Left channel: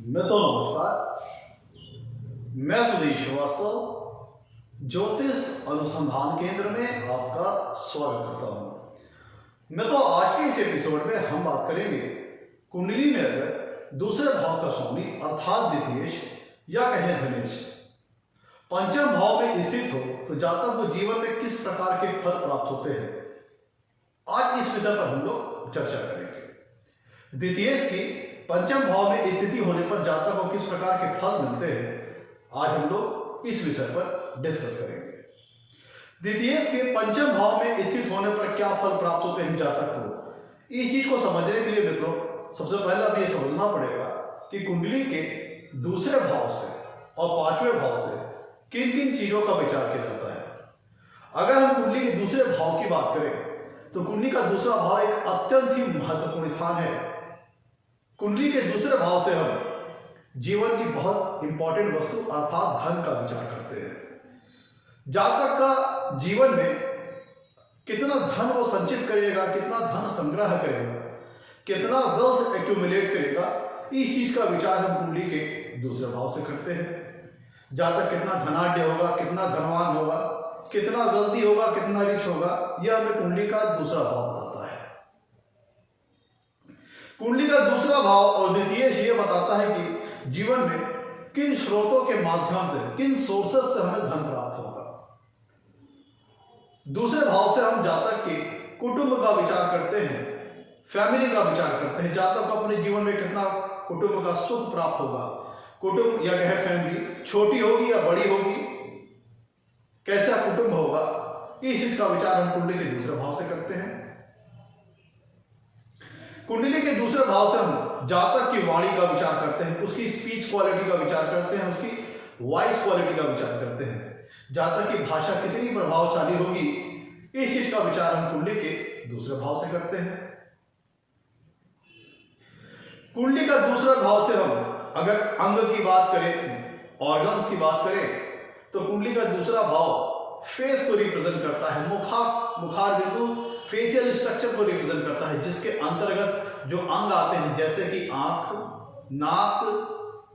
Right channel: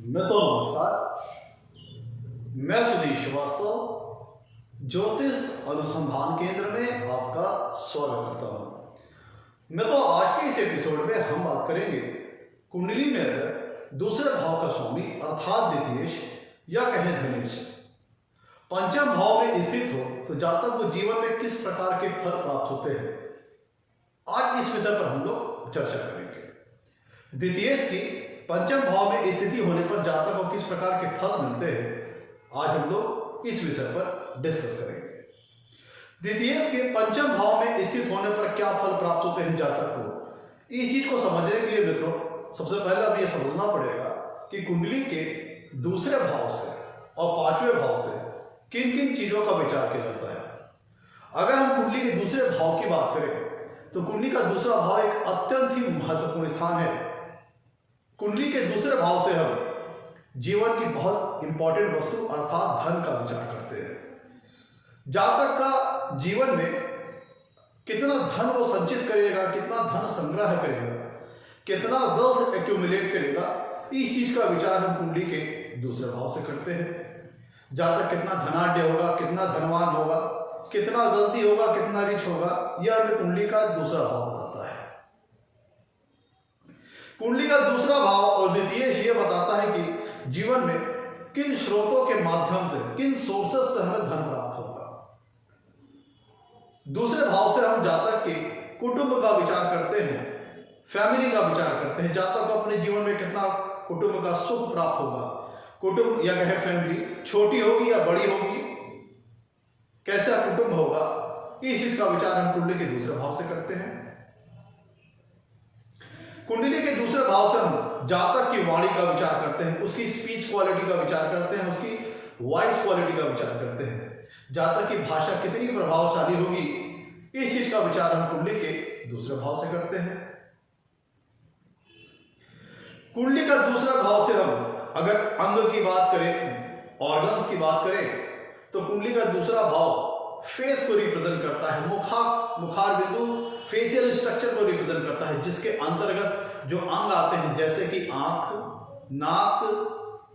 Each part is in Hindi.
नमस्कार। मैं सुधीर श्रीवास्तव ज्योतिष अनुसंधान केंद्र में आपका स्वागत करता हूं। आज के इस एपिसोड में हम बात करेंगे कुंडली में अगर दूसरे भाव का स्वामी अर्थात द्वितीयेश या कहें धनेश पंचम भाव में स्थित हो तो जातक को जीवन में किस प्रकार के फल प्राप्त होते हैं, आज इस विषय पर हम लोग चर्चा करेंगे। द्वितीयेश की पंचम भाव में स्थिति होने पर जातक को किस प्रकार के फल मिलते हैं, आज हम लोग इस विषय पर डिस्कस करेंगे। द्वितीयेश के पंचम भाव में स्थित होने पर क्या फल प्राप्त होते हैं जातक को, इस चीज को समझने के लिए मित्रों सबसे पहले हमें यह समझना पड़ेगा कि कुंडली के दूसरे भाव से और पांचवें भाव से किन किन चीजों का विचार किया जाता है। अगर हम कुंडली के दूसरे भाव की बात करें तो कुंडली का दूसरा भाव एक अत्यंत ही महत्वपूर्ण स्थान है। कुंडली के दूसरे भाव से हम जीवन की बहुत इंपॉर्टेंट वस्तु अर्थात धन का विचार करते हैं। जातक का जीवन में कितना धन वो संचित करेगा, कितना धन संग्रह करेगा, कितना वेल्थ एक्यूमुलेट करेगा, इस चीज का विचार हम कुंडली के दूसरे भाव से करते हैं। जातक कितना धनाढ्य होगा, कितना धनवान होगा, कितना वेल्दी होगा, कितना रिच होगा, यह हमें कुंडली का दूसरा भाव बताता है। कुंडली का दूसरा भाव और द्वितीयेश ये बताता है कि जीवन में किन स्रोतों के माध्यम से, किन सोर्सेस से हमें धन प्राप्त होगा। दूसरे भाव से हम जातक के कुटुंब का विचार करते हैं, फैमिली का विचार करते हैं। जातक को अपने जीवन में कितना कुटुंब का सुख प्राप्त होगा, कुटुंब या कहे फैमिली छोटी होगी या बड़ी होगी, कैसा कुटुंब होगा, इस चीज का विचार हम कुंडली के दूसरे भाव से करते हैं। कुंडली के दूसरे भाव से हम जातक की वाणी का विचार करते हैं, उसकी स्पीच क्वालिटी का विचार करते हैं, उसकी वॉइस क्वालिटी का विचार करते हैं। जातक की भाषा कितनी प्रभावशाली होगी, इस चीज का विचार हम कुंडली के दूसरे भाव से करते हैं। कुंडली का दूसरा भाव से हम अगर अंग की बात करें, ऑर्गन्स की बात करें, तो कुंडली का दूसरा भाव फेस को रिप्रेजेंट करता है। मुखार बिंदु फेशियल स्ट्रक्चर को रिप्रेजेंट करता है, जिसके अंतर्गत जो अंग आते हैं जैसे कि आंख, नाक,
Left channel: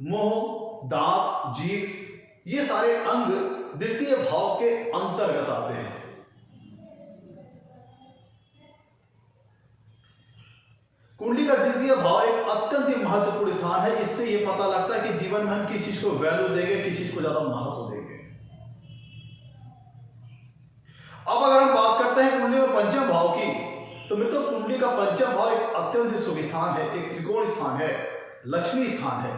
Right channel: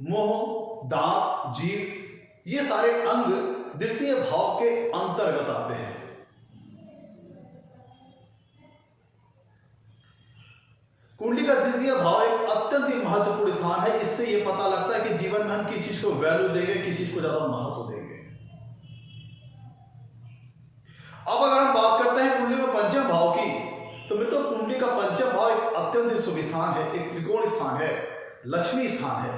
मुंह, दांत, जीभ, ये सारे अंग द्वितीय भाव के अंतर्गत आते हैं। कुंडली का द्वितीय भाव एक अत्यंत ही महत्वपूर्ण स्थान है। इससे यह पता लगता है कि जीवन में हम किस चीज को वैल्यू देंगे, किस चीज को ज्यादा महत्व देंगे। अब अगर हम बात करते हैं कुंडली में पंचम भाव की, तो मित्रों कुंडली का पंचम भाव एक अत्यंत ही शुभ स्थान है, एक त्रिकोण स्थान है, लक्ष्मी स्थान है।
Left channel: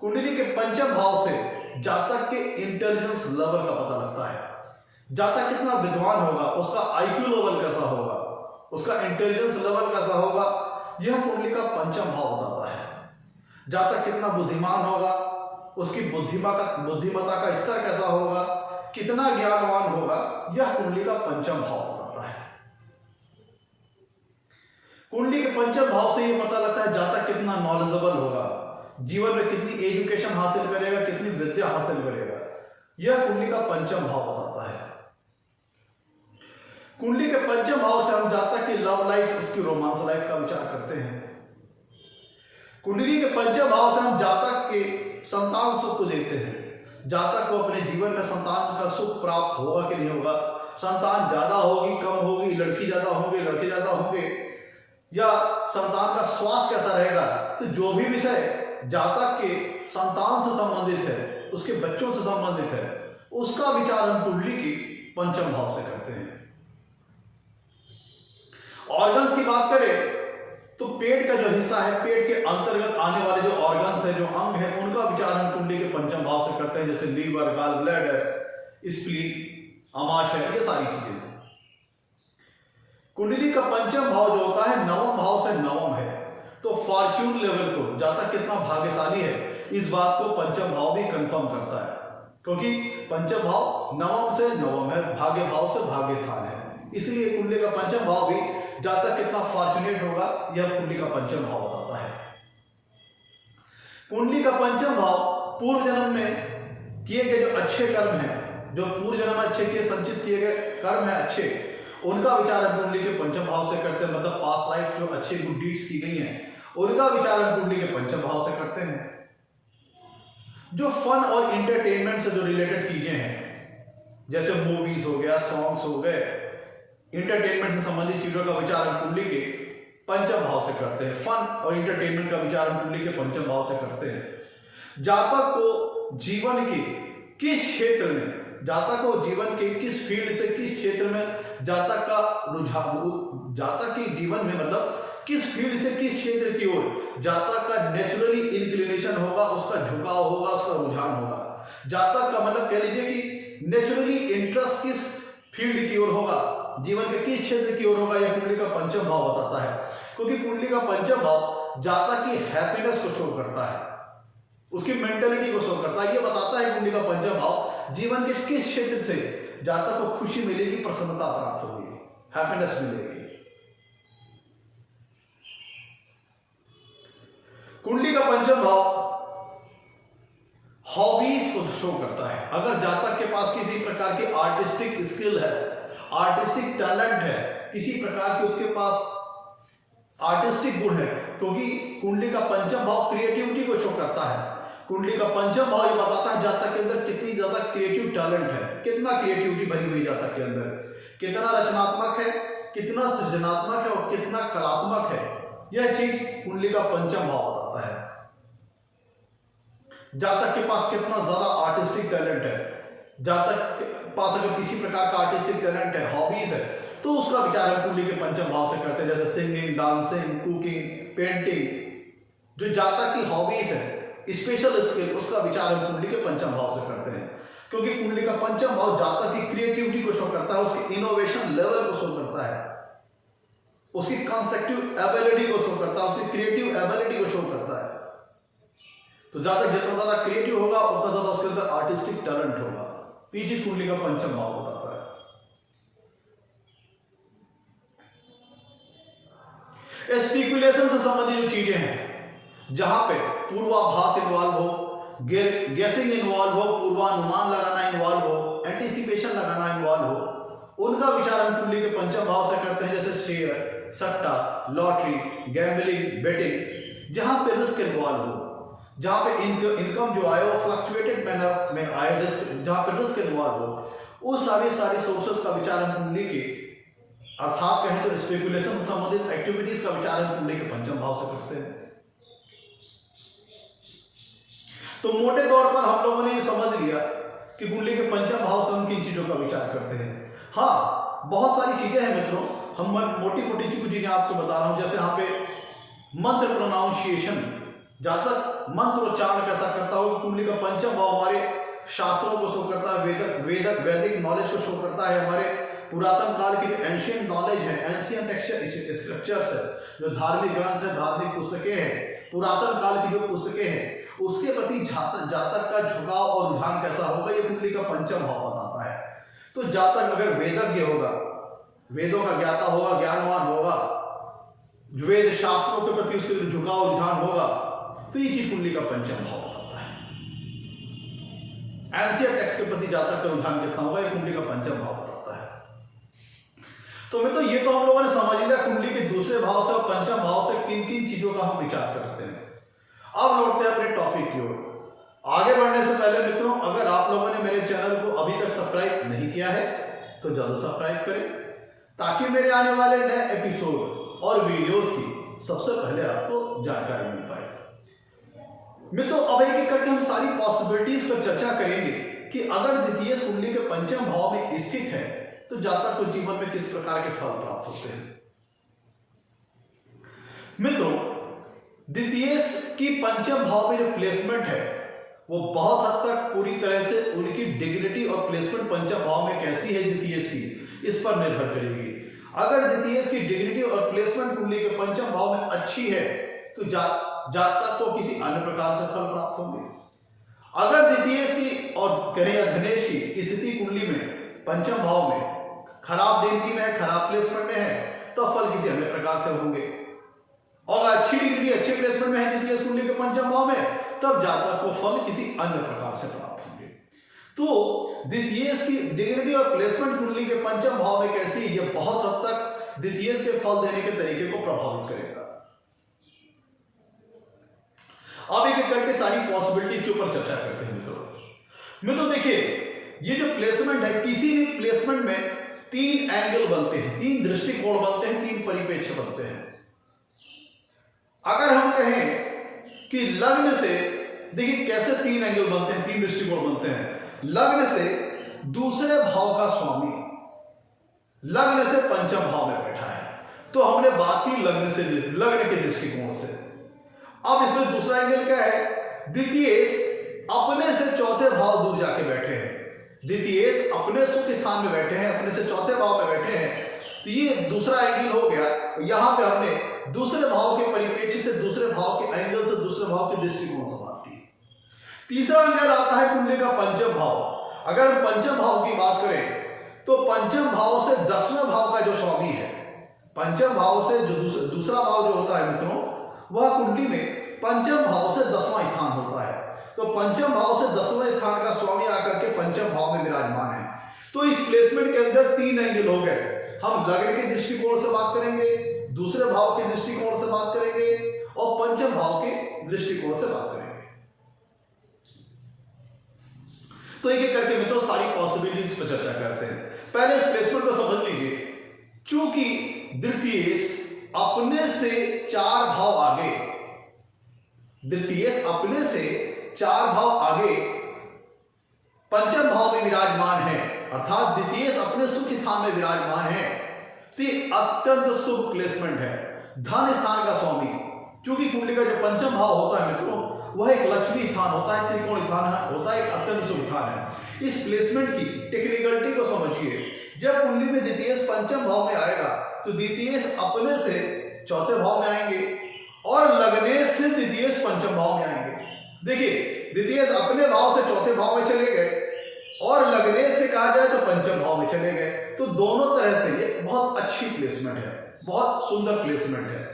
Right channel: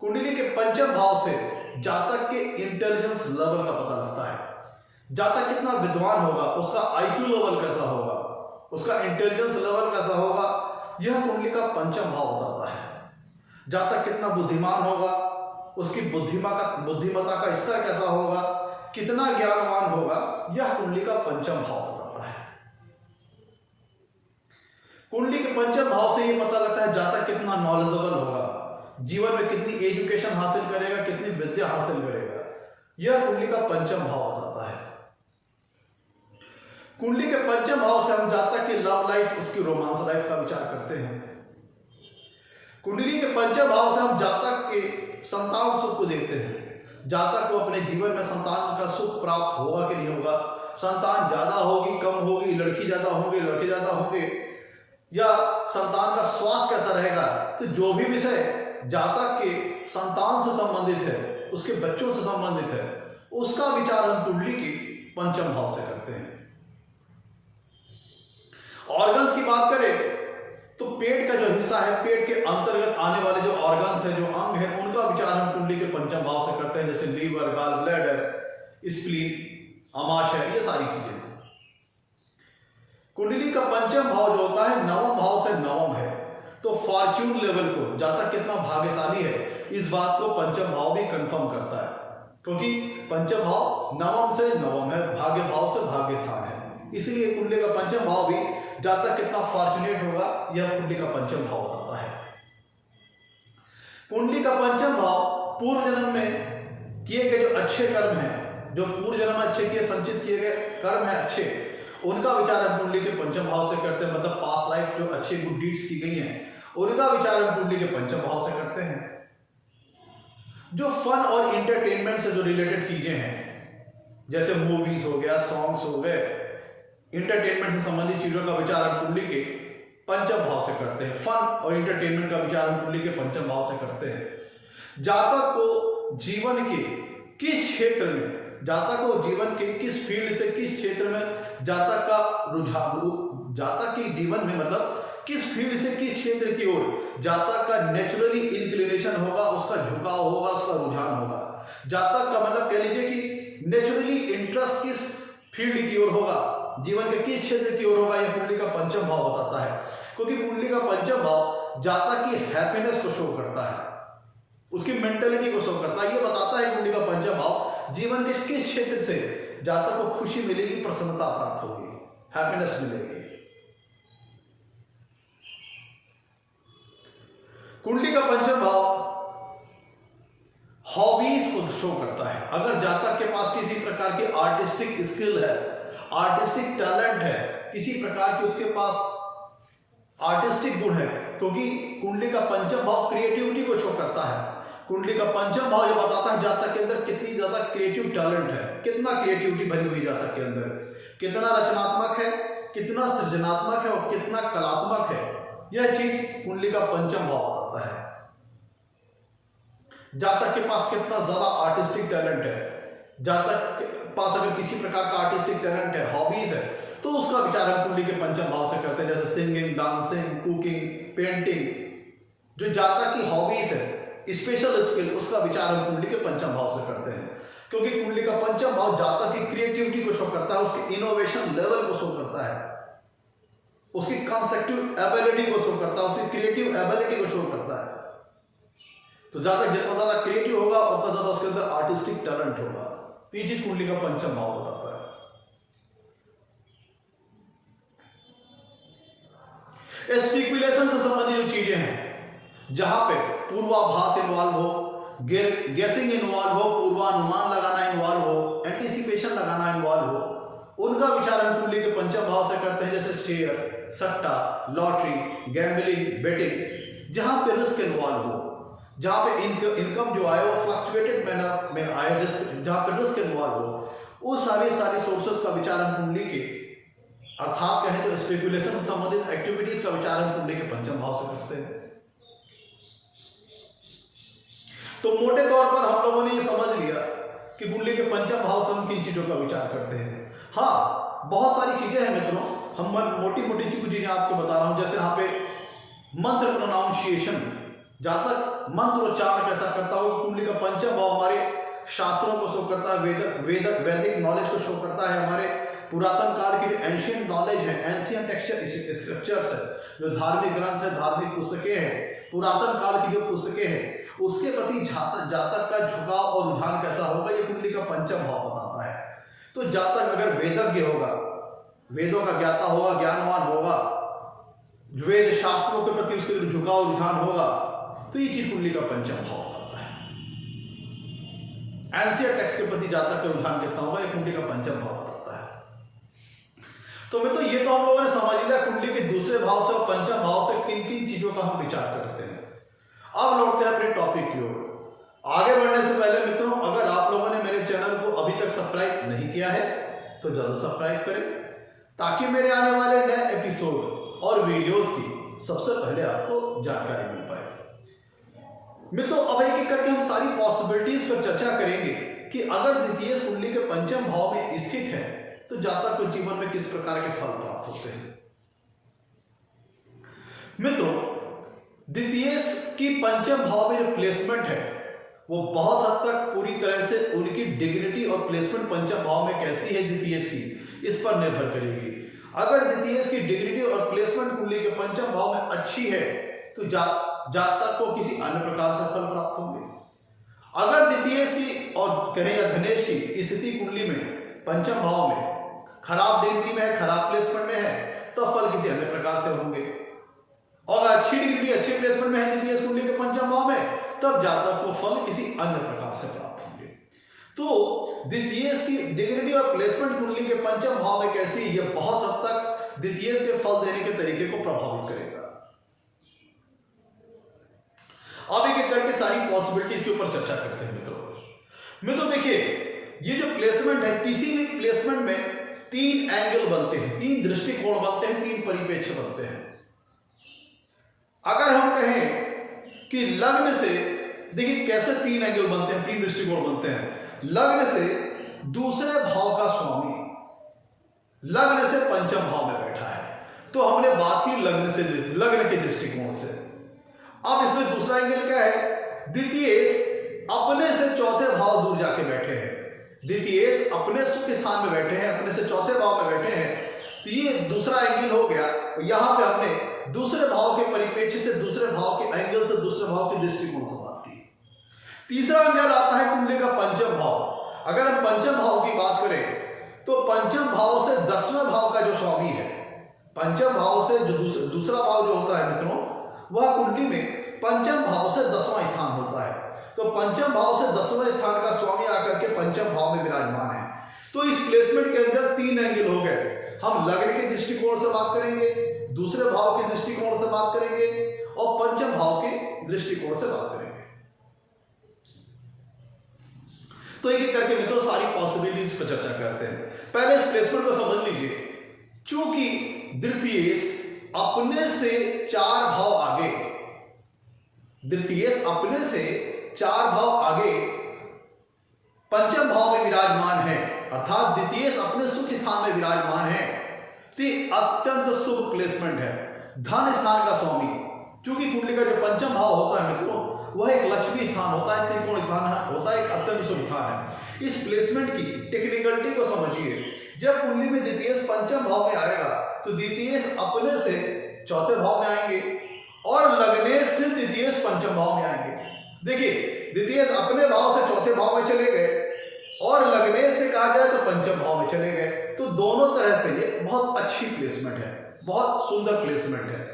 कुंडली के पंचम भाव से जातक के इंटेलिजेंस लेवल का पता लगता है। जातक कितना विद्वान होगा, उसका आईक्यू लेवल कैसा होगा, उसका इंटेलिजेंस लेवल कैसा होगा, यह कुंडली का पंचम भाव बताता है। जातक कितना बुद्धिमान होगा, उसकी बुद्धिमत्ता का स्तर कैसा होगा, कितना ज्ञानवान होगा, यह कुंडली का पंचम भाव बताता है। कुंडली के पंचम भाव से यह पता लगता है जातक कितना नॉलेजेबल होगा, जीवन में कितनी एजुकेशन हासिल करेगा, कितनी विद्या हासिल करेगा, यह कुंडली का पंचम भाव बताता है। कुंडली के पंचम भाव से हम जातक की लव लाइफ, उसकी रोमांस लाइफ का विचार करते हैं। कुंडली के पंचम भाव से हम जातक के संतान सुख को देखते हैं। जातक को अपने जीवन में संतान का सुख प्राप्त होगा कि नहीं होगा, संतान ज्यादा होगी, कम होगी, लड़की ज्यादा होंगे, लड़के ज्यादा होंगे, या संतान का स्वास्थ्य कैसा रहेगा, तो जो भी विषय जातक के संतान से संबंधित है, उसके बच्चों से संबंधित है, उसका विचार हम कुंडली की पंचम भाव से करते हैं। ऑर्गन्स की बात करें तो पेट का जो हिस्सा है, पेट के अंतर्गत आने वाले जो ऑर्गन्स है, जो अंग है, उनका विचार हम कुंडली के पंचम भाव से करते हैं, जैसे लीवर, गाल ब्लैडर, स्प्लीन, अमाशय, ये सारी चीजें। कुंडली का पंचम भाव जो होता है नवम भाव से नवम है, तो फॉर्च्यून लेवल को, जातक कितना भाग्यशाली है, इस बात को पंचम भाव भी कंफर्म करता है, क्योंकि पंचम भाव नवम से नवम है, भाग्य भाव से भाग्य स्थान है। इसलिए कुंडली का पंचम भाव भी जातक कितना फॉर्चुनेट होगा, यह कुंडली का पंचम भाव बताता है। कुंडली का पंचम भाव पूर्व जन्म में किए गए जो अच्छे कर्म हैं, जो पूर्व जन्म में अच्छे किए, संचित किए गए कर्म हैं अच्छे, उनका विचार हम कुंडली के पंचम भाव से करते हैं। मतलब पास्ट लाइफ जो अच्छे गुड डीड्स की गई हैं, उनका विचार हम कुंडली के पंचम भाव से करते हैं। जो फन और इंटरटेनमेंट से जो रिलेटेड चीजें हैं, जैसे मूवीज हो गया, सॉन्ग्स हो गए, इंटरटेनमेंट से संबंधित चीजों का विचार हम कुंडली के पंचम भाव से करते हैं। फन और इंटरटेनमेंट का विचार हम कुंडली के पंचम भाव से करते हैं। जातक को जीवन के किस क्षेत्र में, जातक को जीवन के किस फील्ड से, किस क्षेत्र में जातक का रुझान, जातक के जीवन में मतलब किस फील्ड से किस क्षेत्र की ओर जातक का नेचुरली इंक्लिनेशन होगा, उसका झुकाव होगा, उसका रुझान होगा। जातक का मतलब कह लीजिए कि नेचुरली इंटरेस्ट किस फील्ड की ओर होगा, जीवन के किस क्षेत्र की ओर होगा, यह कुंडली का पंचम भाव बताता है। क्योंकि कुंडली का पंचम भाव जातक की हैप्पीनेस को शो करता है, उसकी मेंटलिटी को शो करता है। यह बताता है कुंडली का पंचम भाव जीवन के किस क्षेत्र से जातक को खुशी मिलेगी, प्रसन्नता प्राप्त होगी, हैप्पीनेस मिलेगी। कुंडली का पंचम भाव हॉबीज को शो करता है। अगर जातक के पास किसी प्रकार की आर्टिस्टिक स्किल है, आर्टिस्टिक टैलेंट है, किसी प्रकार की उसके पास आर्टिस्टिक गुण है, क्योंकि कुंडली का पंचम भाव क्रिएटिविटी को शो करता है। कुंडली का पंचम भाव ये बताता है जातक के अंदर कितनी ज्यादा क्रिएटिव टैलेंट है, कितना क्रिएटिविटी भरी हुई जातक के अंदर, कितना रचनात्मक है, कितना सृजनात्मक है और कितना कलात्मक है। यह चीज कुंडली का पंचम भाव बताता है। जातक के पास कितना ज्यादा आर्टिस्टिक टैलेंट है, जातक के पास अगर किसी प्रकार का आर्टिस्टिक टैलेंट है, हॉबीज है, तो उसका विचार हम कुंडली के पंचम भाव से करते हैं। जैसे सिंगिंग, डांसिंग, कुकिंग, पेंटिंग, जो जातक की हॉबीज है, स्पेशल स्किल, उसका विचार हम कुंडली के पंचम भाव से करते हैं। क्योंकि कुंडली का पंचम भाव जातक की क्रिएटिविटी को शो करता है, उसकी इनोवेशन लेवल को शो करता है, उसकी कंस्ट्रक्टिव एबिलिटी को शो करता है, उसकी क्रिएटिव एबिलिटी को शो करता है। तो जातक जितना ज्यादा क्रिएटिव होगा उतना ज्यादा उसके अंदर आर्टिस्टिक टैलेंट होगा। तो ये चीज कुंडली का पंचम भाव बताता है। स्पेकुलेशन से संबंधित जो चीजें हैं, जहां पे पूर्वाभास इन्वॉल्व हो, गेसिंग इन्वॉल्व हो, पूर्वानुमान लगाना इन्वॉल्व हो, एंटीसिपेशन लगाना इन्वॉल्व हो, उनका विचार हम कुंडली के पंचम भाव से करते हैं। जैसे शेयर, सट्टा, लॉटरी, गैम्बलिंग, बेटिंग, जहां पे रिस्क इन्वॉल्व हो, जहां पे इनकम जो आए वो फ्लक्चुएटेड मैनर में आए, रिस्क, जहां पे रिस्क इन्वॉल्व हो, वो सारे सोर्सेस का विचार हम कुंडली के, अर्थात कहें तो स्पेकुलेशन से संबंधित एक्टिविटीज का विचार हम कुंडली के पंचम भाव से करते हैं। तो मोटे तौर पर हम लोगों ने ये समझ लिया कि कुंडली के पंचम भाव से हम किन चीजों का विचार करते हैं। हाँ, बहुत सारी चीजें हैं मित्रों, हम मोटी मोटी कुछ चीजें आपको बता रहा हूं। जैसे यहाँ पे मंत्र प्रोनाउंसिएशन, जातक मंत्र उच्चारण कैसा करता हो, कुंडली का पंचम भाव हमारे शास्त्रों को शो करता है, वैदिक नॉलेज को शो करता है, हमारे पुरातन काल की जो एंशियंट नॉलेज है, एंशियंट स्क्रिप्चर्स है, जो धार्मिक ग्रंथ है, धार्मिक पुस्तकें हैं, पुरातन काल की जो पुस्तकें हैं, उसके प्रति जातक का झुकाव और रुझान कैसा होगा, ये कुंडली का पंचम भाव बताता है। तो जातक अगर वेदज्ञ होगा, वेदों का ज्ञाता होगा, ज्ञानवान होगा, वेद शास्त्रों के प्रति उसके झुकाव रुझान होगा, तो ये चीज कुंडली का पंचम भाव बताता है। एंशियंट टेक्स्ट के प्रति जातक का रुझान कितना होगा, ये कुंडली का पंचम भाव बताता है। तो मैं तो ये तो हम लोगों ने समझ लिया कुंडली के दूसरे भाव से और पंचम भाव से किन किन चीजों का हम विचार करते हैं। अब लौटते हैं अपने टॉपिक की ओर। आगे बढ़ने से पहले मित्रों, अगर आप लोगों ने मेरे चैनल को अभी तक सब्सक्राइब नहीं किया है तो जरूर सब्सक्राइब करें, ताकि मेरे आने वाले नए एपिसोड और वीडियोस की सबसे पहले आपको जानकारी मिल पाए। मित्रों, अब एक एक करके हम सारी पॉसिबिलिटीज पर चर्चा करेंगे कि अगर द्वितीय कुंडली के पंचम भाव में स्थित है तो जातक को जीवन में किस प्रकार के फल प्राप्त होते हैं। मित्रों, द्वितीय की पंचम भाव में जो प्लेसमेंट है वो बहुत हद तक पूरी तरह से उनकी डिग्निटी और प्लेसमेंट पंचम भाव में कैसी है द्वितीय की, इस पर निर्भर करेगी। अगर द्वितीय की डिग्निटी और प्लेसमेंट कुंडली के पंचम भाव में अच्छी है तो जातक को किसी अन्य प्रकार से फल प्राप्त होंगे। अगर द्वितीय की और कहें या धनेश की स्थिति कुंडली में पंचम भाव में खराब डिग्री में है, खराब प्लेसमेंट में है, तो फल किसी अन्य प्रकार से होंगे। और अच्छी डिग्री, अच्छी प्लेसमेंट में है द्वितीय कुंडली के पंचम भाव में, तब जातक को फल किसी अन्य प्रकार से प्राप्त होंगे। तो द्वितीय की डिग्री और प्लेसमेंट कुंडली के पंचम भाव में कैसी, यह बहुत हद तक द्वितीय के फल देने के तरीके को प्रभावित करेगा। अब एक एक करके सारी पॉसिबिलिटीज के ऊपर चर्चा करते हैं मित्रों देखिए, ये जो प्लेसमेंट है, किसी भी प्लेसमेंट में 3 एंगल बनते हैं, 3 दृष्टिकोण बनते हैं, 3 परिप्रेक्ष्य बनते हैं। अगर हम कहें कि लग्न से, देखिए कैसे 3 एंगल बनते हैं, 3 दृष्टिकोण बनते हैं। लग्न से दूसरे भाव का स्वामी लग्न से पंचम भाव में बैठा है, तो हमने बात की लग्न के दृष्टिकोण से। अब इसमें दूसरा एंगल क्या है? द्वितीय अपने से चौथे भाव दूर जाके बैठे हैं। द्वितीय अपने सुख स्थान में बैठे हैं, अपने से चौथे भाव में बैठे हैं, तो ये दूसरा एंगल हो गया। यहां पे हमने दूसरे भाव के परिप्रेक्ष्य से, दूसरे भाव के एंगल से, दूसरे भाव के दृष्टिकोण से बात की। तीसरा एंगल आता है कुंडली का पंचम भाव। अगर हम पंचम भाव की बात करें तो पंचम भाव से 10वें भाव का जो स्वामी है, पंचम भाव से जो दूसरा भाव जो होता है मित्रों, वह कुंडली में पंचम भाव से 10वां स्थान होता है। तो पंचम भाव से 10वें स्थान का स्वामी आकर के पंचम भाव में विराजमान है। तो इस प्लेसमेंट के अंदर 3 एंगल हो गए। हम लग्न के दृष्टिकोण से बात करेंगे, दूसरे भाव के दृष्टिकोण से बात करेंगे और पंचम भाव के दृष्टिकोण से बात करेंगे। तो एक एक करके मित्रों सारी पॉसिबिलिटीज पर चर्चा करते हैं। पहले इस प्लेसमेंट को समझ लीजिए। चूंकि द्वितीय अपने से 4 भाव आगे, द्वितीय अपने से 4 भाव आगे पंचम भाव में विराजमान है, अर्थात द्वितीय अपने सुख स्थान में विराजमान है, तो ये अत्यंत शुभ प्लेसमेंट है। धन स्थान का स्वामी, क्योंकि कुंडली का जो पंचम भाव होता है मित्रों, वह एक लक्ष्मी स्थान होता है, त्रिकोण स्थान होता है, एक अत्यंत शुभ स्थान है। इस प्लेसमेंट की टेक्निकलिटी को समझिए। जब कुंडली में द्वितीय पंचम भाव में आएगा तो द्वितीय अपने से चौथे भाव में आएंगे और लग्नेश से द्वितीय पंचम भाव में आएंगे। देखिए, द्वितीय अपने भाव से चौथे भाव में चले गए और लग्नेश से कहा जाए तो पंचम भाव में चले गए। तो दोनों तरह से ये बहुत अच्छी प्लेसमेंट है, बहुत सुंदर प्लेसमेंट है।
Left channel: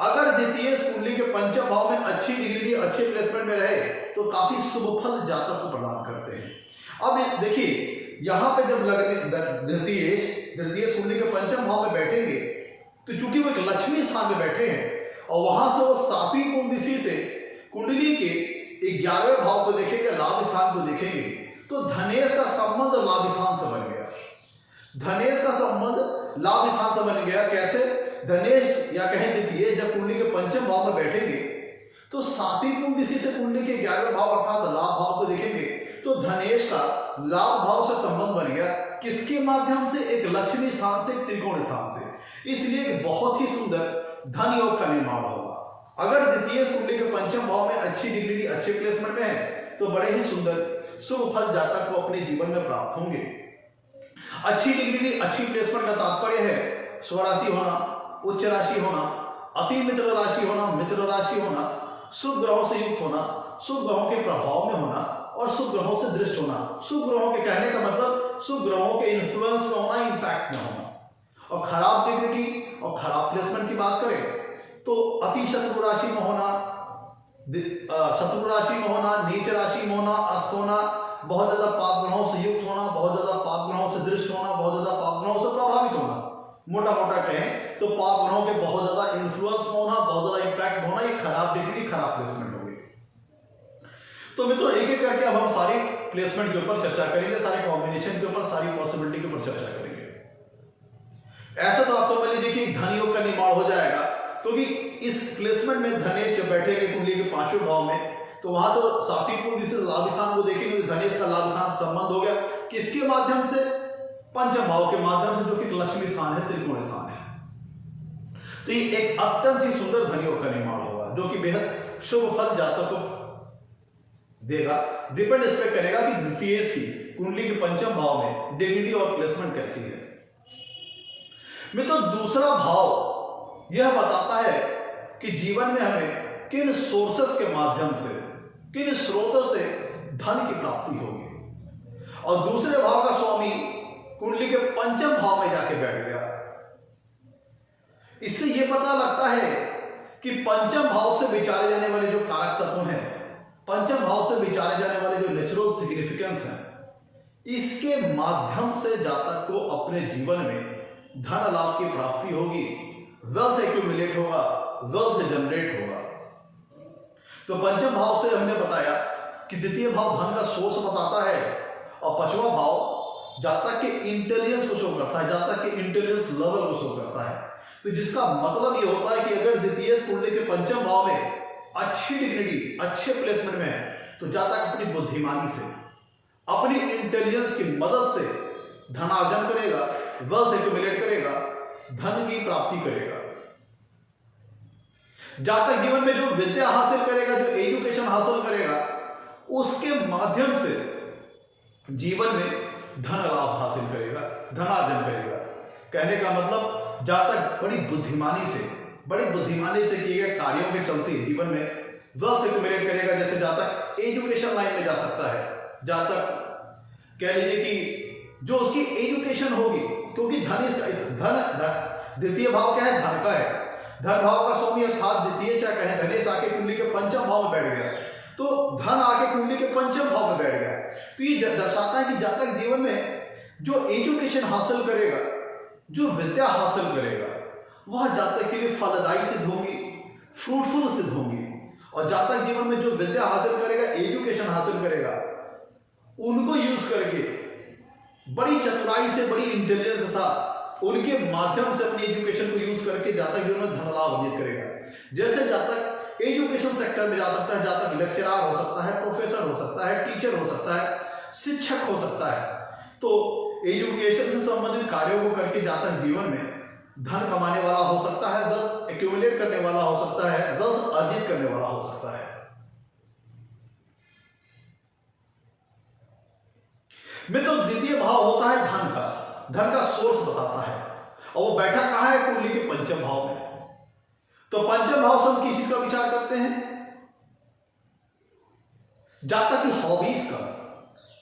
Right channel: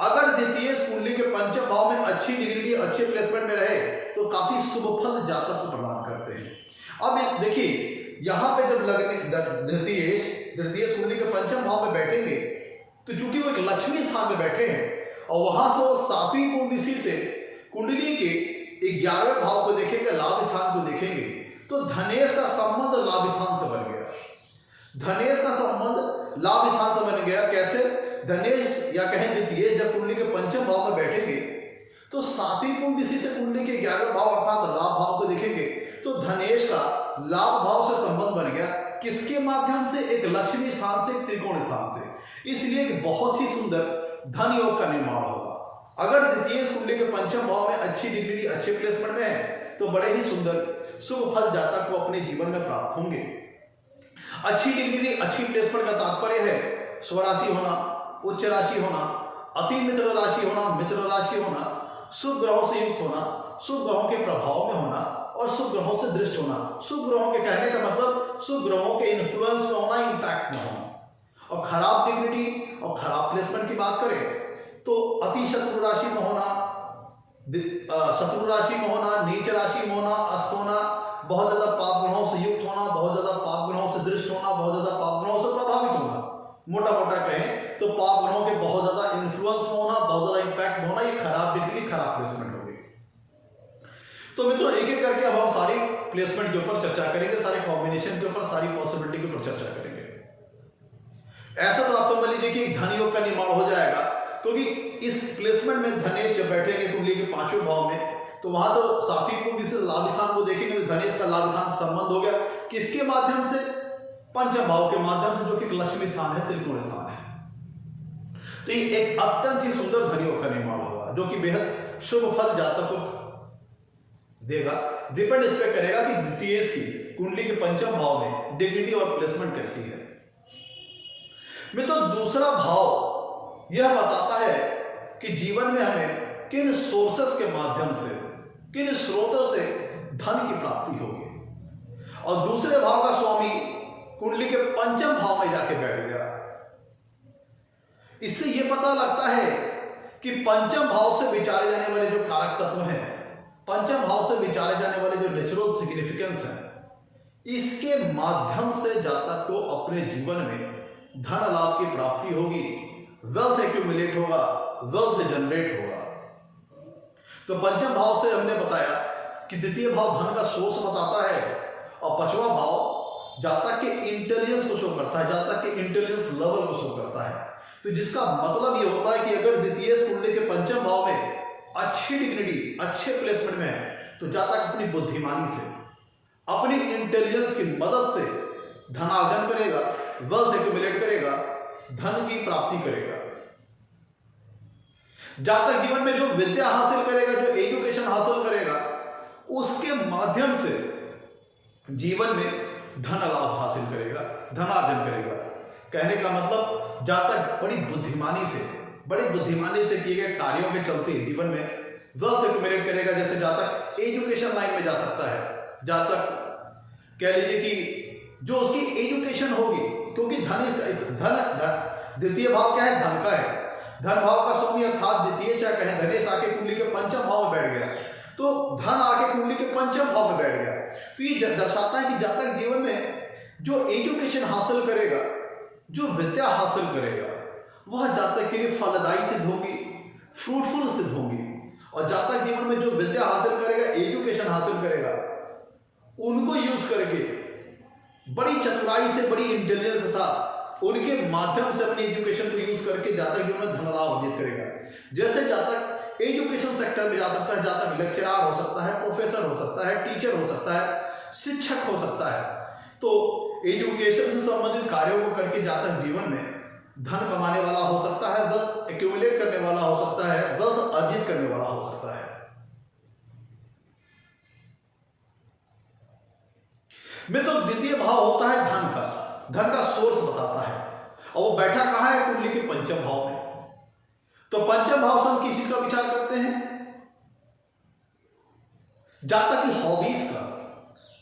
अगर द्वितीय कुंडली के पंचम भाव में अच्छी डिग्री, अच्छे प्लेसमेंट में रहे तो काफी शुभ फल जातक को प्रदान करते हैं। अब देखिए, यहां पे जब द्वितीय कुंडली के पंचम भाव में बैठेंगे तो चूंकि वो एक लक्ष्मी स्थान में बैठे हैं और वहां से वो 7वीं कुंडली से कुंडली के 11वें भाव को देखेंगे, लाभ स्थान को देखेंगे, तो धनेश का संबंध लाभ स्थान से बन गया। धनेश का संबंध लाभ स्थान से बन गया। कैसे? धनेश या कहें द्वितीय जब कुंडली के पंचम भाव में बैठेंगे तो 7वीं कुंडली से कुंडली के 11वें भाव अर्थात लाभ भाव को देखेंगे तो धनेश का लाभ भाव से संबंध बन गया। किसके माध्यम से? एक लक्ष्मी स्थान से, त्रिकोण स्थान से। इसलिए एक बहुत ही सुंदर धन योग का निर्माण होगा। अगर द्वितीय कुंडली के पंचम भाव में अच्छी डिग्री, अच्छे प्लेसमेंट में है तो बड़े ही सुंदर शुभ फल जातक को अपने जीवन में प्राप्त होंगे। अच्छी डिग्री, अच्छी प्लेसमेंट का तात्पर्य है स्वराशि होना, उच्च राशि होना, अति मित्र राशि होना, मित्र राशि होना, शुभ ग्रहों से युक्त होना, शुभ ग्रहों के प्रभाव में होना और शुभ ग्रहों से दृष्ट होना। शुभ ग्रहों के कहने का मतलब शुभ ग्रहों के इन्फ्लुएंस में होना, इंपैक्ट में होना। और खराब डिग्री और खराब प्लेसमेंट की बात करें तो अति शत्रु राशि में होना, शत्रु राशि में होना, नीच राशि में होना, अस्त होना, बहुत ज्यादा पाप ग्रहों से युक्त होना, बहुत ज्यादा पाप ग्रहों से दृष्ट होना, बहुत ज्यादा पाप ग्रहों से प्रभावित होना। मोटा मोटा कहें तो पाप ग्रहों के बहुत ज्यादा इन्फ्लुएंस होना, बहुत ज्यादा इंपैक्ट होना, ये खराब डिग्री, खराब प्लेसमेंट होगी। तो मित्रों एक एक करके अब हम सारी प्लेसमेंट के ऊपर चर्चा करेंगे, सारे कॉम्बिनेशन के ऊपर, सारी पॉसिबिलिटी के ऊपर चर्चा करेंगे। ऐसा तो आप समझ लीजिए कि धन योग का निर्माण हो जाएगा, क्योंकि इस प्लेसमेंट में धनेश जब बैठेंगे कुंडली के 5वें भाव में तो वहां से 7वीं कुंडली से लाभ स्थान को देखेंगे तो धनेश का लाभ स्थान से संबंध हो गया। किसके माध्यम से? पंचम भाव के माध्यम से, जो कि लक्ष्मी स्थान है, त्रिकोण स्थान है। तो ये एक अत्यंत ही सुंदर धन योग का निर्माण होगा जो कि बेहद शुभ फल जातक को देगा। डिपेंड इस पर करेगा कि द्वितीय की कुंडली के पंचम भाव में डिग्री और प्लेसमेंट कैसी है। मित्रों दूसरा भाव यह बताता है कि जीवन में हमें किन सोर्सेस के माध्यम से, किन स्रोतों से धन की प्राप्ति होगी। और दूसरे भाव का स्वामी कुंडली के पंचम भाव में जाके बैठ गया। इससे यह पता लगता है कि पंचम भाव से विचारे जाने वाले जो कारक तत्व हैं, पंचम भाव से विचारे जाने वाले जो नेचुरल सिग्निफिकेंस है, इसके माध्यम से जातक को अपने जीवन में धन लाभ की प्राप्ति होगी, वेल्थ एक्यूमुलेट होगा, वेल्थ जनरेट होगा। तो पंचम भाव से हमने बताया कि द्वितीय भाव धन का सोर्स बताता है, और पांचवा भाव जातक के इंटेलिजेंस को शो करता है, जातक के इंटेलिजेंस लेवल को शो करता है। तो जिसका मतलब ये होता है कि अगर द्वितीय कुंडली के पंचम भाव में अच्छी डिग्निटी, अच्छे प्लेसमेंट में है, तो जातक अपनी बुद्धिमानी से, अपनी इंटेलिजेंस की मदद से धनार्जन करेगा, वेल्थ एक्यूमुलेट करेगा, धन की प्राप्ति करेगा। जातक जीवन में जो विद्या हासिल करेगा, जो एजुकेशन हासिल करेगा, उसके माध्यम से जीवन में धन लाभ हासिल करेगा, धनार्जन करेगा। कहने का मतलब जातक बड़ी बुद्धिमानी से किए गए कार्यों के चलते जीवन में वेल्थ एक्यूमुलेट करेगा। जैसे जातक एजुकेशन लाइन में जा सकता है, जातक कह लीजिए कि जो उसकी एजुकेशन होगी, क्योंकि धन द्वितीय भाव क्या है, धन का है। धन भाव का स्वामी अर्थात द्वितीय चाहे कहें धनेश आके कुंडली के पंचम भाव में बैठ गया, तो धन आके कुंडली के पंचम भाव में बैठ गया। तो ये दर्शाता है कि जातक जीवन में जो एजुकेशन हासिल करेगा, जो विद्या हासिल करेगा, वह जातक के लिए फलदायी सिद्ध होंगी, फ्रूटफुल सिद्ध होंगी। और जातक जीवन में जो विद्या हासिल करेगा, एजुकेशन हासिल करेगा, उनको यूज करके बड़ी चतुराई से, बड़ी इंटेलिजेंस के साथ, उनके माध्यम से अपनी एजुकेशन को यूज करके जातक जीवन में धन लाभ अर्जित करेगा। जैसे जातक एजुकेशन सेक्टर में जा सकता है, जातक लेक्चरर हो सकता है, प्रोफेसर हो सकता है, टीचर हो सकता है, शिक्षक हो सकता है। तो एजुकेशन से संबंधित कार्यों को करके जातक जीवन में धन कमाने वाला हो सकता है, वेल्थ एक्यूमुलेट करने वाला हो सकता है, वेल्थ अर्जित करने वाला हो सकता है। में तो द्वितीय भाव होता है धन का सोर्स बताता है, और वो बैठा कहां है, कुंडली के पंचम भाव में। तो पंचम भाव से हम किस चीज का विचार करते हैं, जातक की हॉबीज का।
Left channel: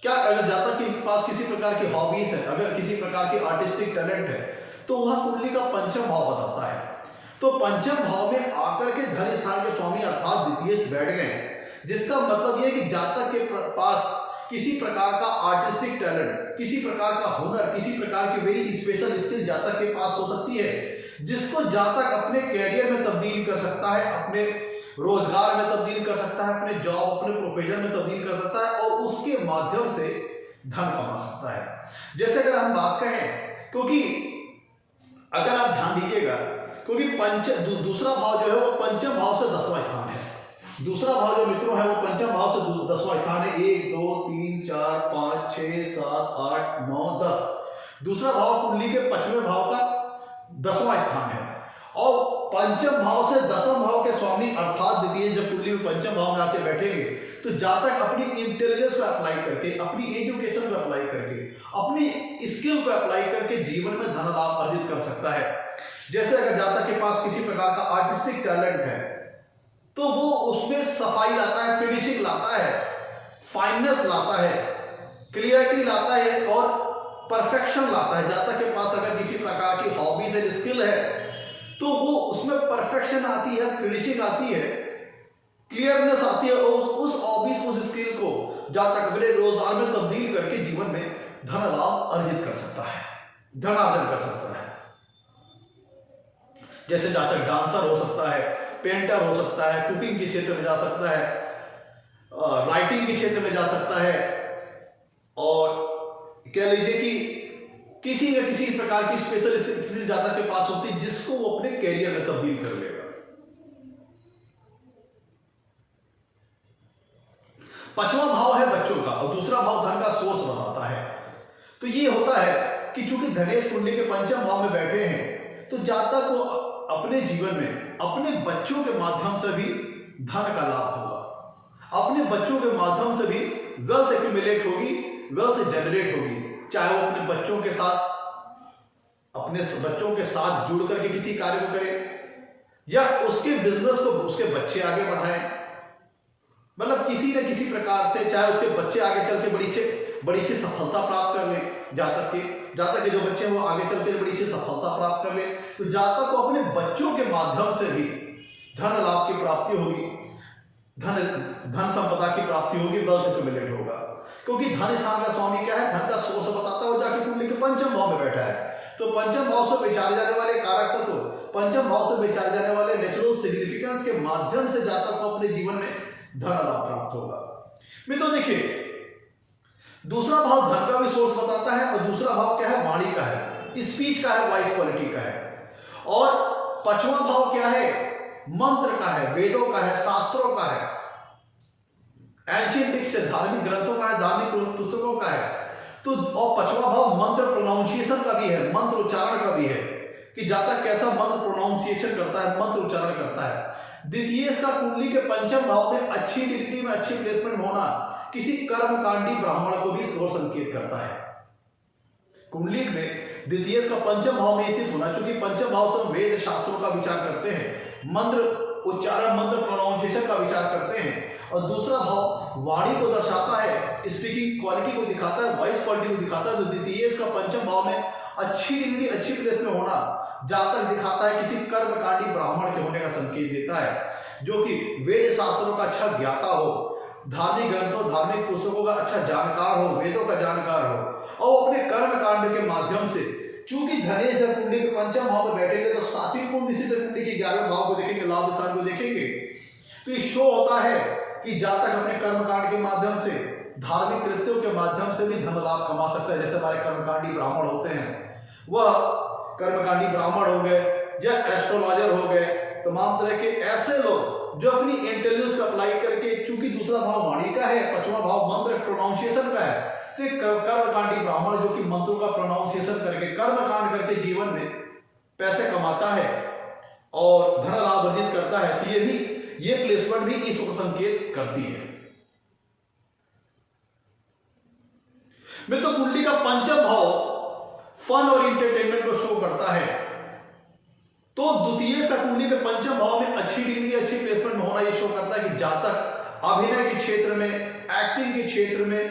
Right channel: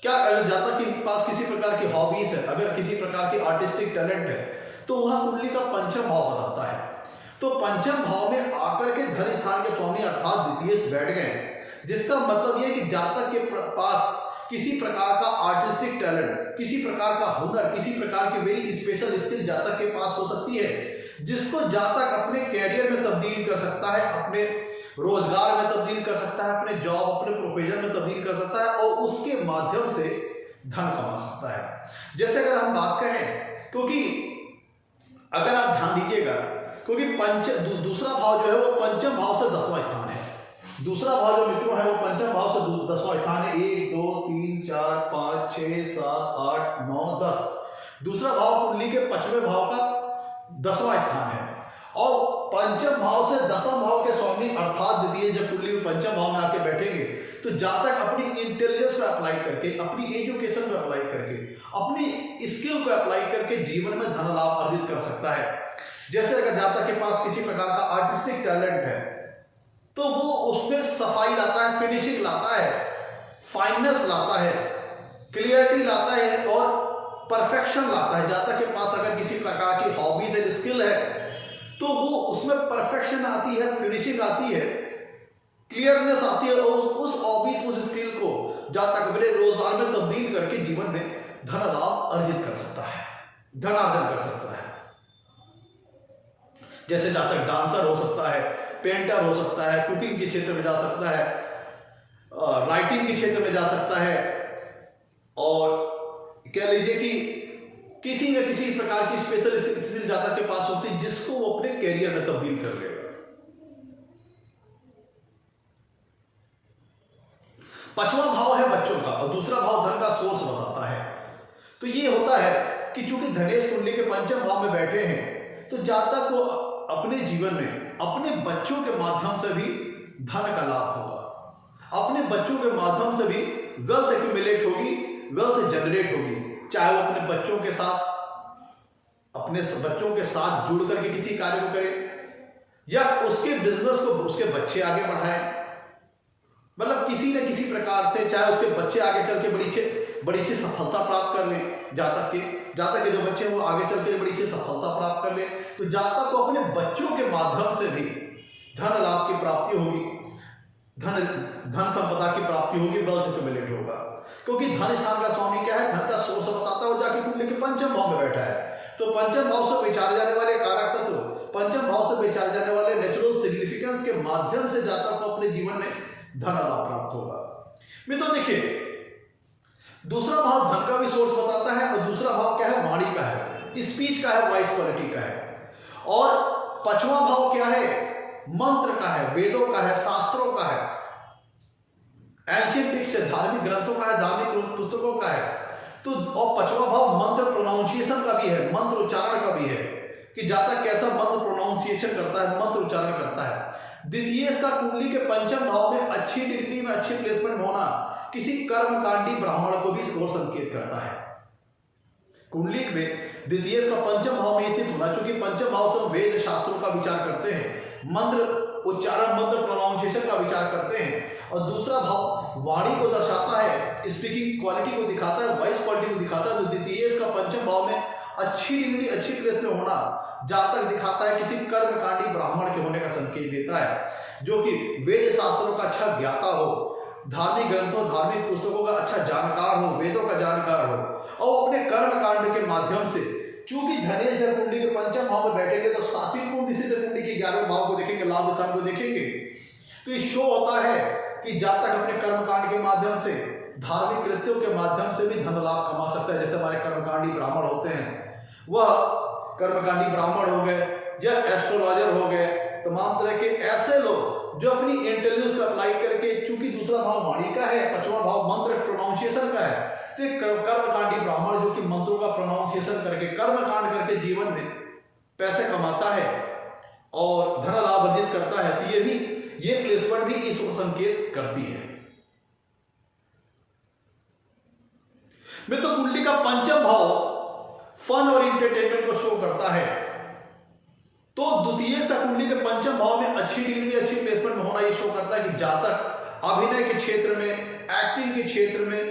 क्या अगर जातक के पास किसी प्रकार की हॉबीज है, अगर किसी प्रकार की आर्टिस्टिक टैलेंट है, तो वह कुंडली का पंचम भाव बताता है। तो पंचम भाव में आकर के धन स्थान के स्वामी अर्थात द्वितीय बैठ गए, जिसका मतलब यह कि जातक के पास किसी प्रकार का आर्टिस्टिक टैलेंट, किसी प्रकार का हुनर, किसी प्रकार की वेरी स्पेशल स्किल जातक के पास हो सकती है, जिसको जातक अपने कैरियर में तब्दील कर सकता है, अपने रोजगार में तब्दील कर सकता है, अपने जॉब, अपने प्रोफेशन में तब्दील कर सकता है, और उसके माध्यम से धन कमा सकता है। जैसे अगर हम बात करें, क्योंकि अगर आप ध्यान दीजिएगा, क्योंकि दूसरा भाव जो है वो पंचम भाव से 10वां स्थान है। दूसरा भाव जो मित्रों है वो पंचम भाव से 10वां स्थान है। 1 2 3 4 5 6 7 8 9 10। दूसरा भाव कुंडली के 5वें भाव का 10वां स्थान है, और पंचम भाव से 10वां भाव के स्वामी अर्थात द्वितीय जब कुंडली में पंचम भाव में आके बैठेंगे, तो जातक अपनी इंटेलिजेंस को अप्लाई करके, अपनी एजुकेशन को अप्लाई करके, अपनी स्किल को अप्लाई करके जीवन में धन लाभ अर्जित कर सकता है। जैसे अगर जातक के पास किसी प्रकार का आर्टिस्टिक टैलेंट है, तो वो उसमें सफाई लाता है, फिनिशिंग लाता है, फाइननेस लाता है, क्लियरिटी लाता है, और परफेक्शन लाता है। जातक के पास अगर किसी प्रकार की हॉबीज एंड स्किल है, तो वो उसमें परफेक्शन आती है, फिनिशिंग आती है, क्लियरनेस आती है, और उस हॉबीज, उस स्किल को जातक अपने रोजगार में तब्दील करके जीवन में धन लाभ अर्जित कर सकता है, धनार्जन कर सकता है। जैसे जातक डांसर हो सकता है, पेंटर हो सकता है, कुकिंग के क्षेत्र में जा सकता है, राइटिंग के क्षेत्र में जा सकता है, और कह लीजिए कि किसी न किसी प्रकार की स्पेशल स्किल जातक के पास होती है, जिसको वो अपने कैरियर में तब्दील कर लेगा। पांचवा भाव है बच्चों का, और दूसरा भाव धन का सोर्स बताता है। तो ये होता है कि चूंकि धनेश कुंडली के पंचम भाव में बैठे हैं, तो जातक को अपने जीवन में अपने बच्चों के माध्यम से भी धन का लाभ होगा, अपने बच्चों के माध्यम से भी वेल्थ एक्यूमुलेट होगी, वेल्थ जनरेट होगी। चाहे वो अपने बच्चों के साथ जुड़ करके किसी कार्य को करे, या उसके बिजनेस को उसके बच्चे आगे बढ़ाएं, मतलब किसी न किसी प्रकार से, चाहे उसके बच्चे आगे चल के बड़ी अच्छी सफलता प्राप्त कर ले, जातक के जो बच्चे हैं वो आगे चल के बड़ी अच्छी सफलता प्राप्त कर ले, तो जातक को अपने बच्चों के माध्यम से भी धन लाभ की प्राप्ति होगी, धन संपदा की प्राप्ति होगी, वेल्थ एक्यूमुलेट होगा। क्योंकि धन स्थान का स्वामी क्या है, धन का सोर्स बताता है, वो जाके कुंडली के पंचम भाव में बैठा है। तो पंचम भाव से विचारे जाने वाले कारक तत्व, पंचम भाव से विचारे जाने वाले नेचुरल सिग्निफिकेंस के माध्यम से जातक को अपने जीवन में धन लाभ प्राप्त होगा। मित्रों देखिए, दूसरा भाव धन का भी सोर्स बताता है और दूसरा भाव क्या है, वाणी का है, स्पीच का है, वॉइस क्वालिटी का है। और पांचवा भाव क्या है, मंत्र का है, वेदों का है, शास्त्रों का है, एंशिएंट टेक्स्ट से धार्मिक ग्रंथों का है, धार्मिक पुस्तकों का है। तो और पांचवा भाव मंत्र प्रोनाउंसिएशन का भी है, मंत्र उच्चारण का भी है, कि जातक कैसा मंत्र प्रोनाउंसिएशन करता है, मंत्र उच्चारण करता है। द्वितीय का कुंडली के पंचम भाव में अच्छी डिग्री में अच्छी प्लेसमेंट होना किसी कर्मकांडी ब्राह्मण को भी और संकेत करता है। कुंडली में द्वितीय का पंचम भाव में स्थित होना, चूंकि पंचम भाव से हम वेद शास्त्रों का विचार करते हैं, मंत्र उच्चारण, मंत्र प्रोनाउंसिएशन का विचार करते हैं। और दूसरा भाव वाणी को दर्शाता है, स्पीकिंग क्वालिटी को दिखाता है, वॉइस क्वालिटी को दिखाता है। तो द्वितीय का पंचम भाव में अच्छी डिग्री अच्छी प्लेस में होना जातक दिखाता है किसी कर्मकांडी ब्राह्मण के होने का संकेत देता है, जो कि वेद शास्त्रों का अच्छा ज्ञाता हो, धार्मिक ग्रंथों धार्मिक पुस्तकों का अच्छा जानकार हो, वेदों का जानकार हो, और अपने कर्म कांड के माध्यम से, चूंकि धनेश जब कुंडली के पंचम भाव में बैठेंगे तो सातवीं कुंडली से कुंडली के 11वें भाव को देखेंगे, लाभ स्थान को देखेंगे, तो ये शो होता है कि जातक अपने कर्म कांड के माध्यम से, धार्मिक कृत्यों के माध्यम से भी धन लाभ कमा सकता है। जैसे हमारे कर्मकांडी ब्राह्मण होते हैं, वह कर्मकांडी ब्राह्मण हो गए या एस्ट्रोलॉजर हो गए, तमाम तरह के ऐसे लोग जो अपनी इंटेलिजेंस को अप्लाई करके, चूंकि दूसरा भाव वाणी का है, पांचवा भाव मंत्र प्रोनाउंसिएशन का है, तो एक कर्मकांडी ब्राह्मण जो कि मंत्रों का प्रोनाउंसिएशन करके, कर्मकांड करके जीवन में पैसे कमाता है और धन लाभ अर्जित करता है, तो ये प्लेसमेंट भी इसको संकेत करती है। मित्रों, कुंडली का पंचम भाव फन और इंटरटेनमेंट को शो करता है, तो द्वितीय कुंडली के पंचम भाव में अच्छी डिग्री अच्छी प्लेसमेंट में होना ये शो करता है कि जातक अभिनय के क्षेत्र में, एक्टिंग के क्षेत्र में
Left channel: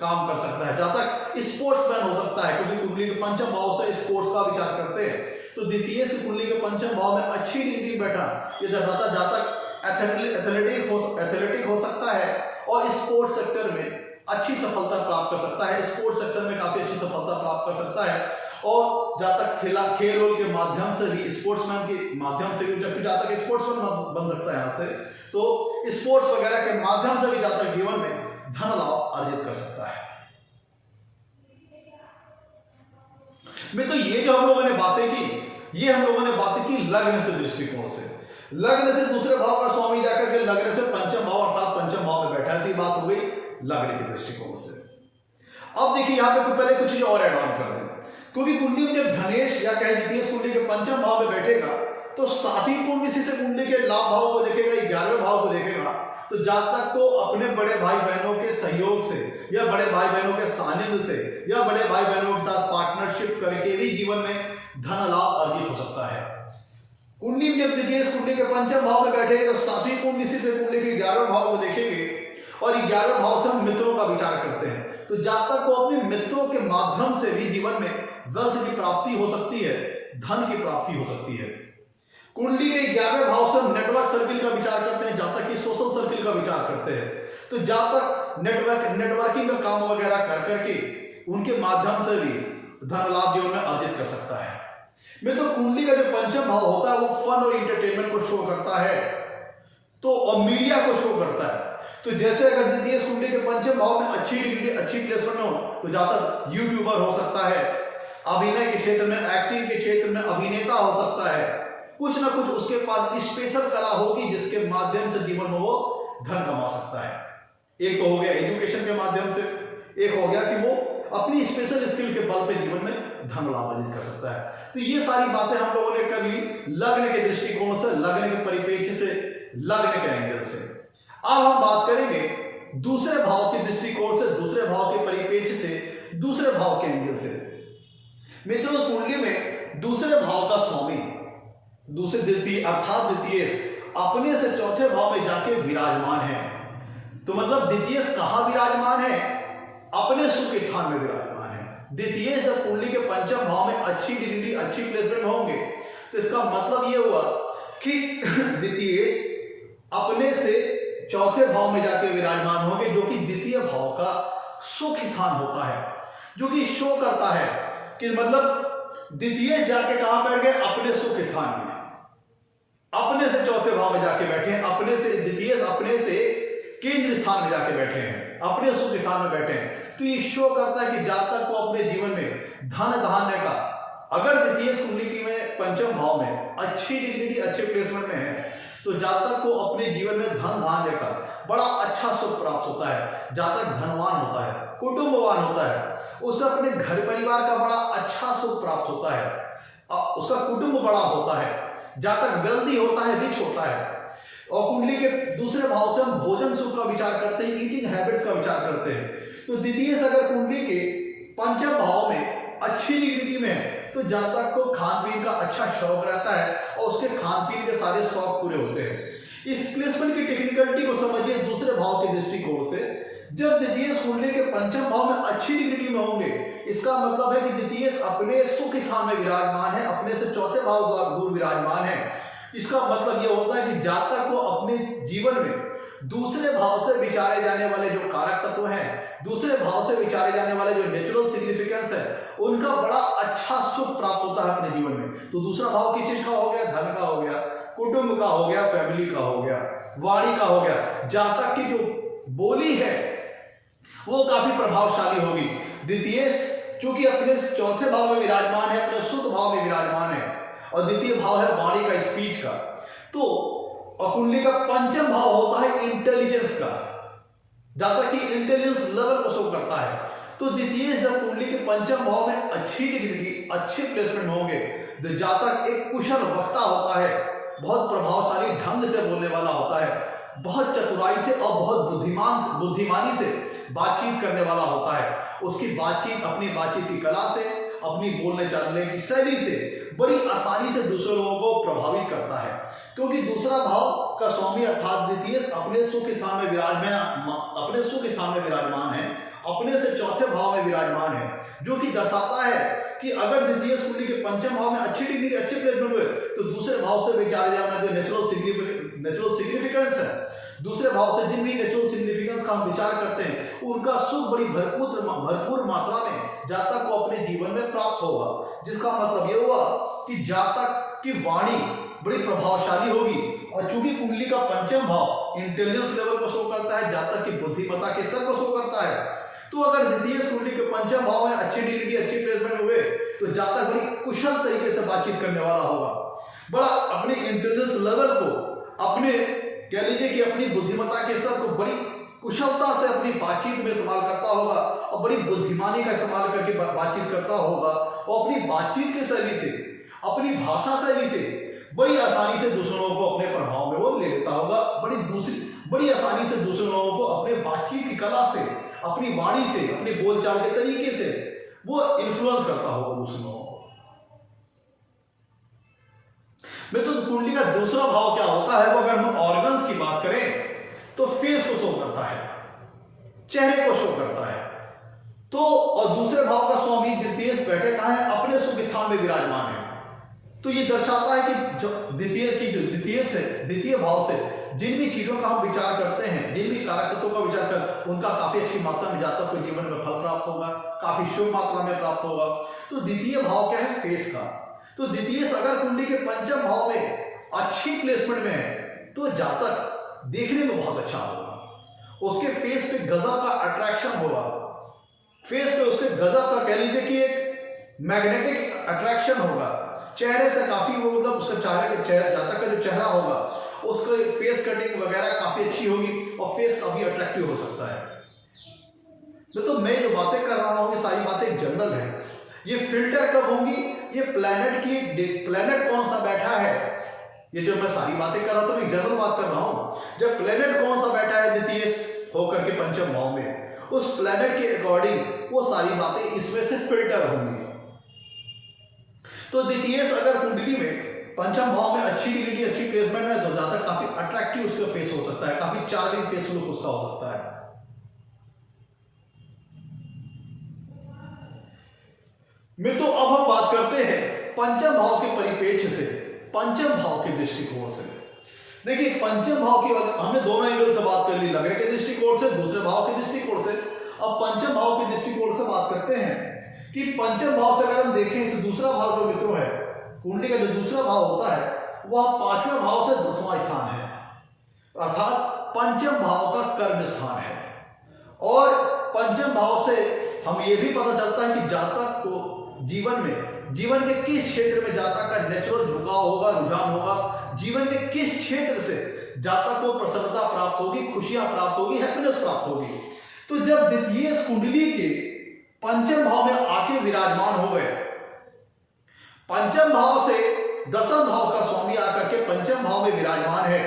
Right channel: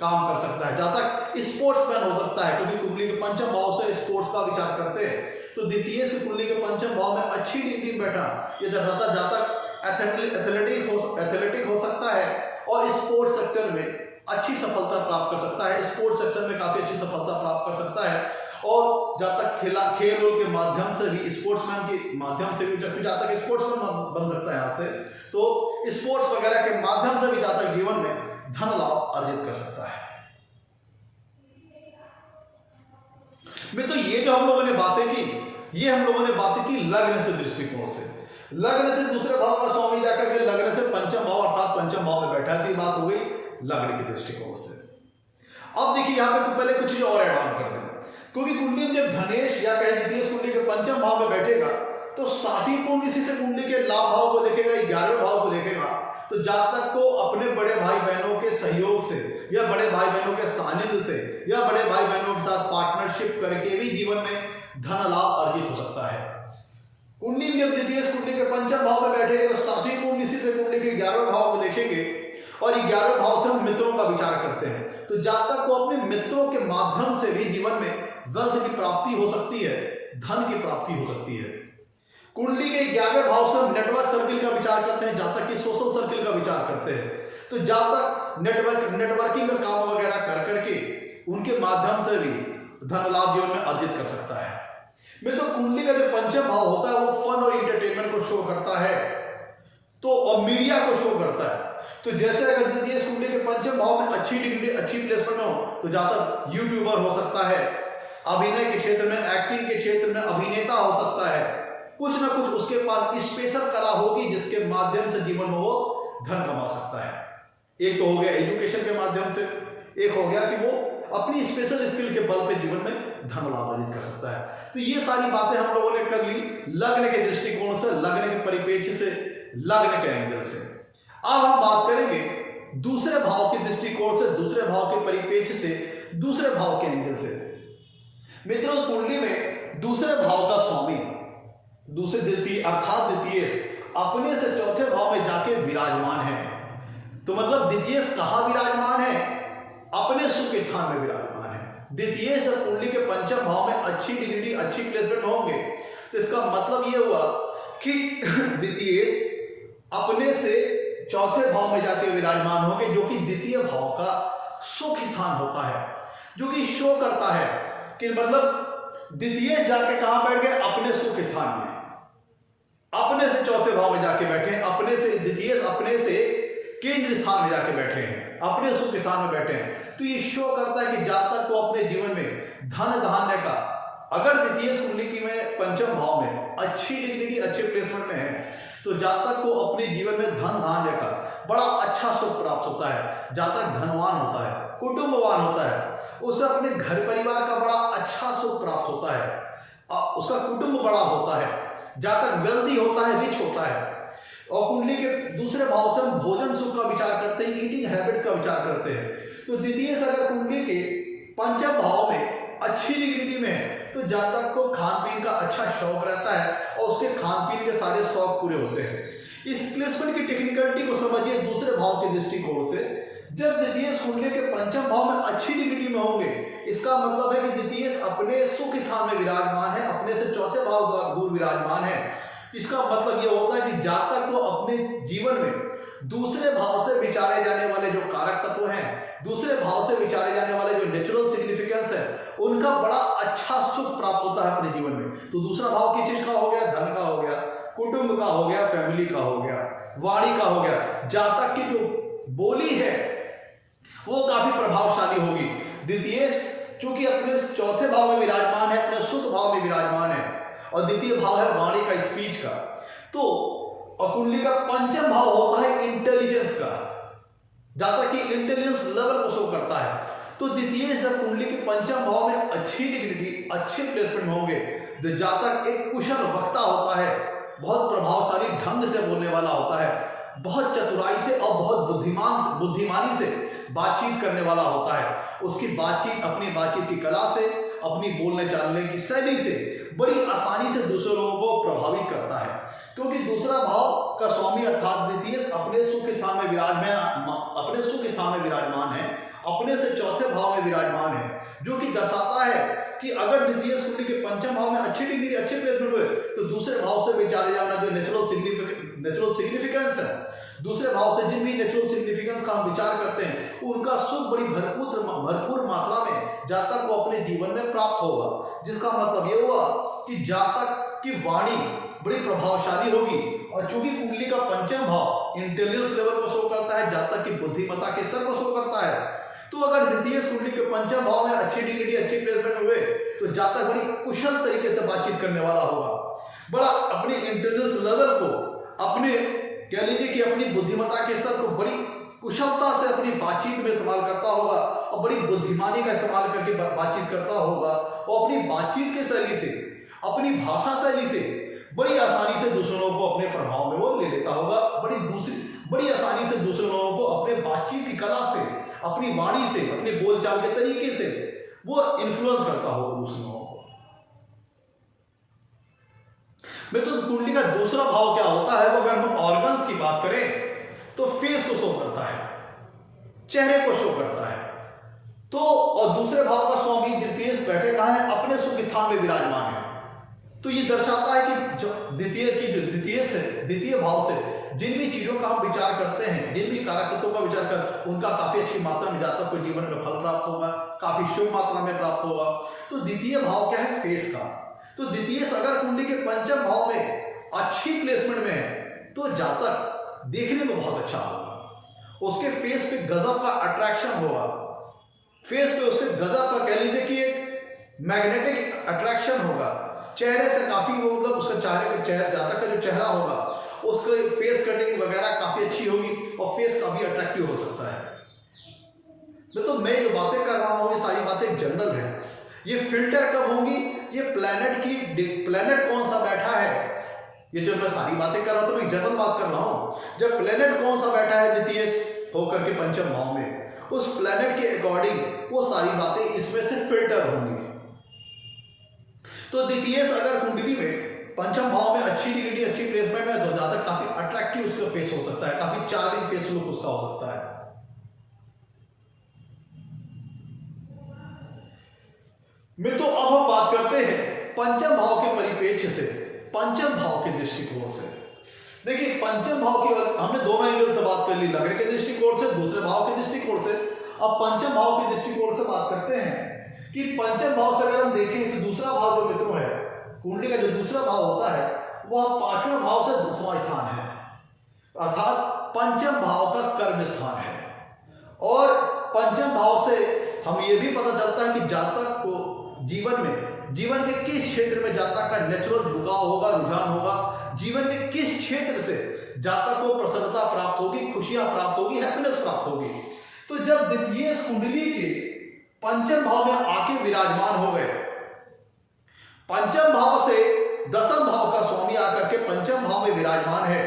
काम कर सकता है, जातक स्पोर्ट्समैन हो सकता है, क्योंकि कुंडली के पंचम भाव से स्पोर्ट्स का विचार करते हैं। तो द्वितीय कुंडली के पंचम भाव में अच्छी डिग्री बैठा ये दर्शाता जातक एथलेटिक हो सकता है और स्पोर्ट्स सेक्टर में अच्छी सफलता प्राप्त कर सकता है, स्पोर्ट्स सेक्टर में काफी अच्छी सफलता प्राप्त कर सकता है। और जातक खेल रोल के माध्यम से भी, स्पोर्ट्समैन के माध्यम से भी, जबकि जातक स्पोर्ट्समैन बन सकता है यहाँ से, तो स्पोर्ट्स वगैरह के माध्यम से भी जातक जीवन में धन लाभ अर्जित कर सकता है। मित्रों, ये जो हम लोगों ने बातें की, ये हम लोगों ने बातें की लग्न से दृष्टिकोण से। लग्न से दूसरे भाव का स्वामी जाकर के लग्न से पंचम भाव अर्थात पंचम भाव में बैठा है, तो बात हो गई लग्न के दृष्टिकोण से। अब देखिए यहाँ पे पहले कुछ चीज और ऐड ऑन कर दें, क्योंकि कुंडली में जब धनेश या कहीं द्वितीय कुंडली के पंचम भाव में बैठेगा तो सातवीं कुंडली से कुंडली के लाभ भाव को देखेगा, 11वें भाव को देखेगा, तो जातक को अपने बड़े भाई बहनों के सहयोग से या बड़े भाई बहनों के सानिध्य से या बड़े भाई बहनों के साथ पार्टनरशिप करके भी जीवन में धन लाभ अर्जित हो सकता है। कुंडली में जब द्वितीय कुंडली के पंचम भाव में बैठेंगे तो सातवीं कुंडली से कुंडली के 11वें भाव को देखेंगे, और 11वें भाव से हम मित्रों का विचार करते हैं, तो जातक को अपने मित्रों के माध्यम से भी जीवन में वेल्थ की प्राप्ति हो सकती है, धन की प्राप्ति हो सकती है। कुंडली के 11वें भाव से हम नेटवर्क सर्किल का विचार करते हैं, जातक की सोशल सर्किल का विचार करते हैं, तो जातक नेटवर्किंग का काम वगैरह कर करके उनके माध्यम से भी धन लाभ जीवन में अर्जित कर सकता है। मित्रों, कुंडली का जो पंचम भाव होता है वो फन और इंटरटेनमेंट को शो करता है, तो और मीडिया को शो करता है। तो जैसे अगर द्वितीय कुंडली के पंचम भाव में अच्छी डिग्री अच्छी प्लेसमेंट हो तो जातक यूट्यूबर हो सकता है, अभिनय के क्षेत्र में, एक्टिंग के क्षेत्र में अभिनेता हो सकता है, कुछ ना कुछ उसके पास स्पेशल कला होगी जिसके माध्यम से जीवन में वो धन कमा सकता है। एक तो हो गया एजुकेशन के माध्यम से, एक हो गया कि वो अपनी स्पेशल स्किल के बल पे जीवन में धन लाभ अर्जित कर सकता है। तो ये सारी बातें हम लोगों ने कर ली लग्न के दृष्टिकोण से, लग्न के परिप्रेक्ष्य से, लग्न के एंगल से। अब हम बात करेंगे दूसरे भाव के दृष्टिकोण से, दूसरे भाव के परिप्रेक्ष्य से, दूसरे भाव के एंगल से। मित्रों, कुंडली में दूसरे भाव का स्वामी दूसरे द्वितीय अर्थात द्वितीय अपने से चौथे भाव में जाके विराजमान है। तो मतलब द्वितीय कहां विराजमान है? अपने सुख स्थान में विराजमान है। द्वितीय जब कुंडली के पंचम भाव में अच्छी डिग्री अच्छी प्लेसमेंट होंगे तो इसका मतलब यह हुआ कि द्वितीय अपने से चौथे भाव में जाके विराजमान होंगे, जो कि द्वितीय भाव का सुख स्थान होता है, जो कि शो करता है कि मतलब द्वितीय जाके कहां बैठ गए? अपने सुख स्थान में, अपने से चौथे भाव में जाके बैठे, अपने से द्वितीय अपने से केंद्र स्थान में जाके बैठे हैं, अपने सुख स्थान में बैठे हैं, तो ये शो करता है कि जब तक वो अपने जीवन में धन धान्य का, अगर द्वितीय कुंडली में पंचम भाव में अच्छी डिग्री अच्छे प्लेसमेंट में है, तो जब तक वो अपने जीवन में धन धान्य का बड़ा अच्छा सुख प्राप्त होता है, जब तक धनवान होता है, कुटुंबवान होता है, उसे अपने घर परिवार का बड़ा अच्छा सुख प्राप्त होता है, उसका कुटुंब बड़ा होता है, जब तक वेल्दी होता है, रिच होता है। और कुंडली के दूसरे भाव से हम भोजन सुख का विचार करते हैं, ईटिंग हैबिट्स का विचार करते हैं। तो द्वितीय से अगर कुंडली के पंचम भाव में अच्छी डिग्री में है, तो जातक को खान पीन का अच्छा शौक रहता है और उसके खान पीन के सारे शौक पूरे होते हैं। इस प्लेसमेंट की टेक्निकलिटी को समझिए दूसरे भाव के दृष्टिकोण से। जब द्वितीय कुंडली के पंचम भाव में अच्छी डिग्री में होंगे, इसका मतलब है कि द्वितीय अपने सुख स्थान में विराजमान है, अपने से चौथे भाव दूर विराजमान है। इसका मतलब यह होता है कि जातक को अपने जीवन में दूसरे भाव से विचारे जाने वाले जो कारक तत्व हैं, दूसरे भाव से विचारे जाने वाले जो नेचुरल सिग्निफिकेंस है, उनका बड़ा अच्छा सुख प्राप्त होता है अपने जीवन में। तो दूसरा भाव किस चीज का हो गया? धन का हो गया, कुटुंब का हो गया, फैमिली का हो गया, वाणी का हो गया। जातक की जो बोली है वो काफी प्रभावशाली होगी। द्वितीय चूंकि अपने चौथे भाव में विराजमान है, अपने सुख भाव में विराजमान है, और द्वितीय भाव है वाणी का, स्पीच का। तो और कुंडली का पंचम भाव होता है इंटेलिजेंस का, जातक की इंटेलिजेंस लेवल को शो करता है। तो द्वितीय जब कुंडली के पंचम भाव में अच्छी डिग्री अच्छे प्लेसमेंट होंगे, तो जातक एक कुशल वक्ता होता है, बहुत प्रभावशाली ढंग से बोलने वाला होता है, बहुत चतुराई से और बहुत बुद्धिमानी से बातचीत करने वाला होता है। उसकी बातचीत अपनी बातचीत की कला से, अपनी बोलने चालने की शैली से बड़ी आसानी से दूसरे लोगों को प्रभावित करता है, क्योंकि दूसरा भाव का स्वामी अर्थात द्वितीय अपने सुख स्थान में विराजमान है, अपने से चौथे भाव में विराजमान है, जो कि दर्शाता है कि अगर द्वितीय कुंडली के पंचम भाव में अच्छी डिग्री अच्छे प्लेसमेंट हुए, तो दूसरे भाव से विचारे जाना जो नेचुरल सिग्निफिकेंस है, दूसरे भाव से जिन भी नेचुरल सिग्निफिकेंस का हम विचार करते हैं, उनका सुख बड़ी भरपूर मात्रा में जातक को अपने जीवन में प्राप्त होगा। जिसका मतलब ये हुआ कि जातक की वाणी बड़ी प्रभावशाली होगी। और चूंकि कुंडली का पंचम भाव इंटेलिजेंस लेवल को शो करता है, जातक की बुद्धिमत्ता के स्तर को शो करता है, तो अगर द्वितीय कुंडली के पंचम भाव में अच्छी डिग्री अच्छी प्लेसमेंट हुए, तो जातक बड़ी कुशल तरीके से बातचीत करने वाला होगा, बड़ा अपने इंटेलिजेंस लेवल को, अपने कह लीजिए कि अपनी बुद्धिमत्ता के स्तर को बड़ी कुशलता से अपनी बातचीत में इस्तेमाल करता होगा, और बड़ी बुद्धिमानी का इस्तेमाल करके बातचीत करता होगा, और अपनी बातचीत की शैली से, अपनी भाषा शैली से बड़ी आसानी से दूसरों को अपने प्रभाव में वो ले लेता होगा, बड़ी आसानी से दूसरे लोगों को अपने बातचीत की कला से, अपनी वाणी से, अपने बोलचाल के तरीके से वो इन्फ्लुएंस करता होगा दूसरे लोगों को। मित्रों, कुंडली का दूसरा भाव क्या होता है? वो अगर हम ऑर्गन्स की बात करें तो फेस को शो करता है, चेहरे को शो करता है। तो और दूसरे भाव का स्वामी द्वितीय बैठे कहां है? अपने सुख स्थान में विराजमान है। तो ये दर्शाता है कि जो द्वितीय भाव से जिन भी चीजों का हम विचार करते हैं, जिन भी कारक तत्वों का विचार कर, उनका काफी अच्छी मात्रा में जातक को जीवन में फल प्राप्त होगा, काफी शुभ मात्रा में प्राप्त होगा। तो द्वितीय भाव क्या है? फेस का। तो द्वितीय अगर कुंडली के पंचम भाव में अच्छी प्लेसमेंट में है, तो जातक देखने में बहुत अच्छा होगा, उसके फेस पे गजब का अट्रैक्शन होगा, फेस पे उसके गजब का कह लीजिए कि एक मैग्नेटिक अट्रैक्शन होगा, चेहरे से काफी वो मतलब उसका जातक का जो चेहरा होगा, उसका फेस कटिंग वगैरह काफी अच्छी होगी और फेस काफी अट्रैक्टिव हो सकता है। तो मैं जो बातें कर रहा हूँ ये सारी बातें जनरल है, ये फिल्टर कब होंगी? ये प्लेनेट कौन सा बैठा है, ये जो मैं सारी बातें कर रहा हूं तो मैं जनरल बात कर रहा हूं। जब प्लेनेट कौन सा बैठा है द्वितीय होकर के पंचम भाव में, उस प्लेनेट के अकॉर्डिंग वो सारी बातें इसमें से फिल्टर होंगी। तो द्वितीय अगर कुंडली में पंचम भाव में अच्छी डिग्री अच्छी प्लेसमेंट है, तो जातक काफी अट्रैक्टिव उसका फेस हो सकता है, काफी चार्मिंग फेस लुक उसका हो सकता है। मित्रों, अब हम बात करते हैं पंचम भाव के परिप्रेक्ष्य से, पंचम भाव के दृष्टिकोण से। देखिए, पंचम भाव की हमने दोनों एंगल से बात कर ली, लग्न के दृष्टिकोण से, दूसरे भाव के दृष्टिकोण से। अब पंचम भाव के दृष्टिकोण से बात करते हैं कि पंचम भाव से अगर हम देखें तो दूसरा भाव जो मित्रों है, कुंडली का जो दूसरा भाव होता है, वह पांचवें भाव से 10वां स्थान है। अर्थात पंचम भाव का कर्म स्थान है। और पंचम भाव से हम ये भी पता चलता है कि जातक को जीवन के किस क्षेत्र में जातक का नेचुरल झुकाव होगा, रुझान होगा, जीवन के किस क्षेत्र से जातक को प्रसन्नता प्राप्त होगी, खुशियां प्राप्त होगी, हैप्पीनेस प्राप्त होगी। तो जब द्वितीय कुंडली के पंचम भाव में आके विराजमान हो गए, पंचम भाव से दसम भाव का स्वामी आकर के पंचम भाव में विराजमान है,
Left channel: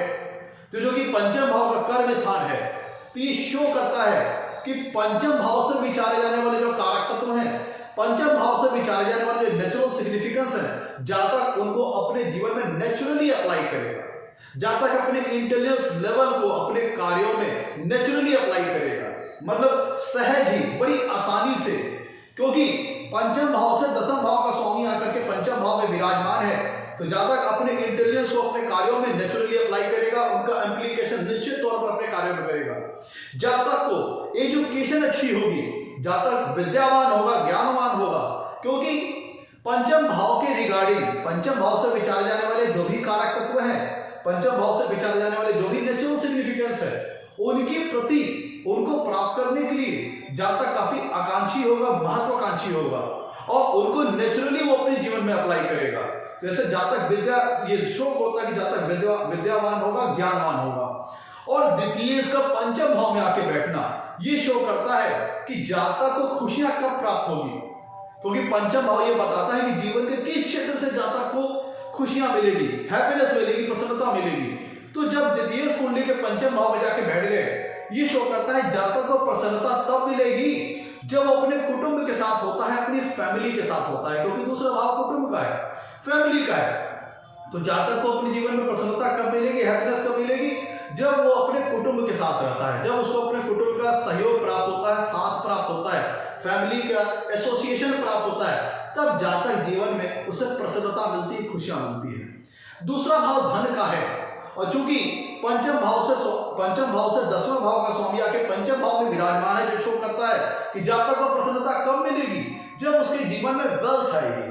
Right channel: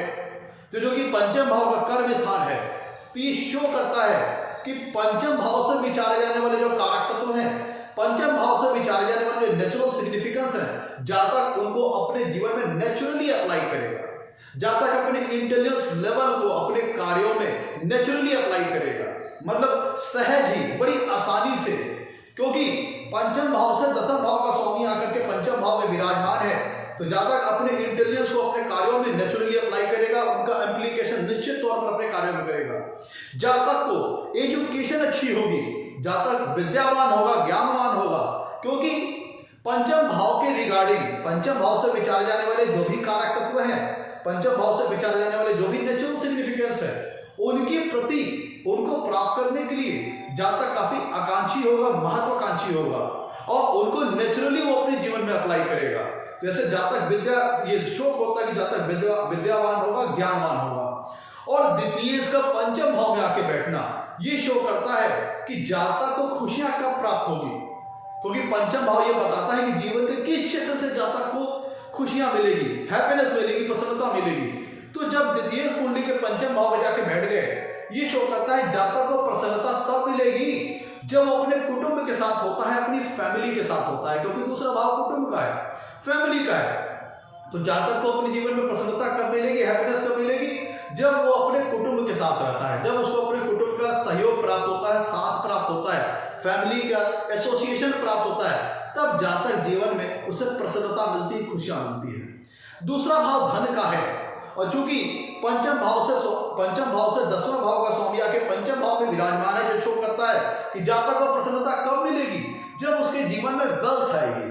तो जो कि पंचम भाव का कर्म स्थान है, तो ये शो करता है कि पंचम भाव से विचारे जाने वाले जो कारक तत्व हैं, पंचम भाव से विचारे जाने वाले जो नेचुरल सिग्निफिकेंस है, जातक उनको अपने जीवन में नेचुरली अप्लाई करेगा। जातक अपने इंटेलिजेंस लेवल को अपने कार्यों में नेचुरली अप्लाई करेगा, मतलब सहज ही, बड़ी आसानी से, क्योंकि पंचम भाव से दसम भाव का स्वामी आकर के पंचम भाव में विराजमान है, तो जातक अपने इंटेलिजेंस को अपने कार्यों में नेचुरली अप्लाई करेगा, उनका एप्लीकेशन निश्चित तौर पर अपने कार्यों में करेगा। जातक को एजुकेशन अच्छी होगी, जातक विद्यावान होगा, ज्ञानवान होगा, क्योंकि पंचम भाव के रिगार्डिंग, पंचम भाव से विचारे जाने वाले जो भी कारक तत्व हैं, पंचम भाव से विचारे जाने वाले जो भी नेचुरल सिग्निफिकेंस है, उनके प्रति, उनको प्राप्त करने के लिए जातक काफी आकांक्षी होगा, महत्वाकांक्षी होगा, और उनको नेचुरली वो अपने जीवन में अप्लाई करेगा। जैसे जातक ये शोक होता है कि जातक विद्यावान होगा, ज्ञानवान होगा। और द्वितीय इसका पंचम भाव में आके बैठना ये शो करता है कि जातक को खुशियां कब प्राप्त होगी, क्योंकि पंचम भाव ये बताता है कि जीवन के किस क्षेत्र से जातक को खुशियां मिलेगी, हैप्पीनेस मिलेगी, प्रसन्नता मिलेगी। तो जब द्वितीय कुंडली के पंचम भाव में जाके बैठ गए, ये शो करता है जातक को प्रसन्नता तब मिलेगी जब वो अपने कुटुंब के साथ होता है, अपनी फैमिली के साथ होता है, क्योंकि दूसरा भाव कुटुंब का है, फैमिली का है। तो जातक को अपने जीवन में प्रसन्नता कब मिलेगी, हैप्पीनेस कब मिलेगी, जब वो अपने कुटुंब के साथ रहता है, जब उसको अपने कुटुंब का सहयोग प्राप्त होता है, साथ प्राप्त होता है, फैमिली का एसोसिएशन प्राप्त होता है, तब जातक जीवन में उसे प्रसन्नता मिलती है, खुशियां मिलती है। दूसरा भाव धन का है, और चूंकि पंचम भाव से दसवां भाव का स्वामी आके पंचम भाव में विराजमान है, जो शो करता है कि जातक को प्रसन्नता कब मिलेगी, जब उसके जीवन में वेल्थ आएगी,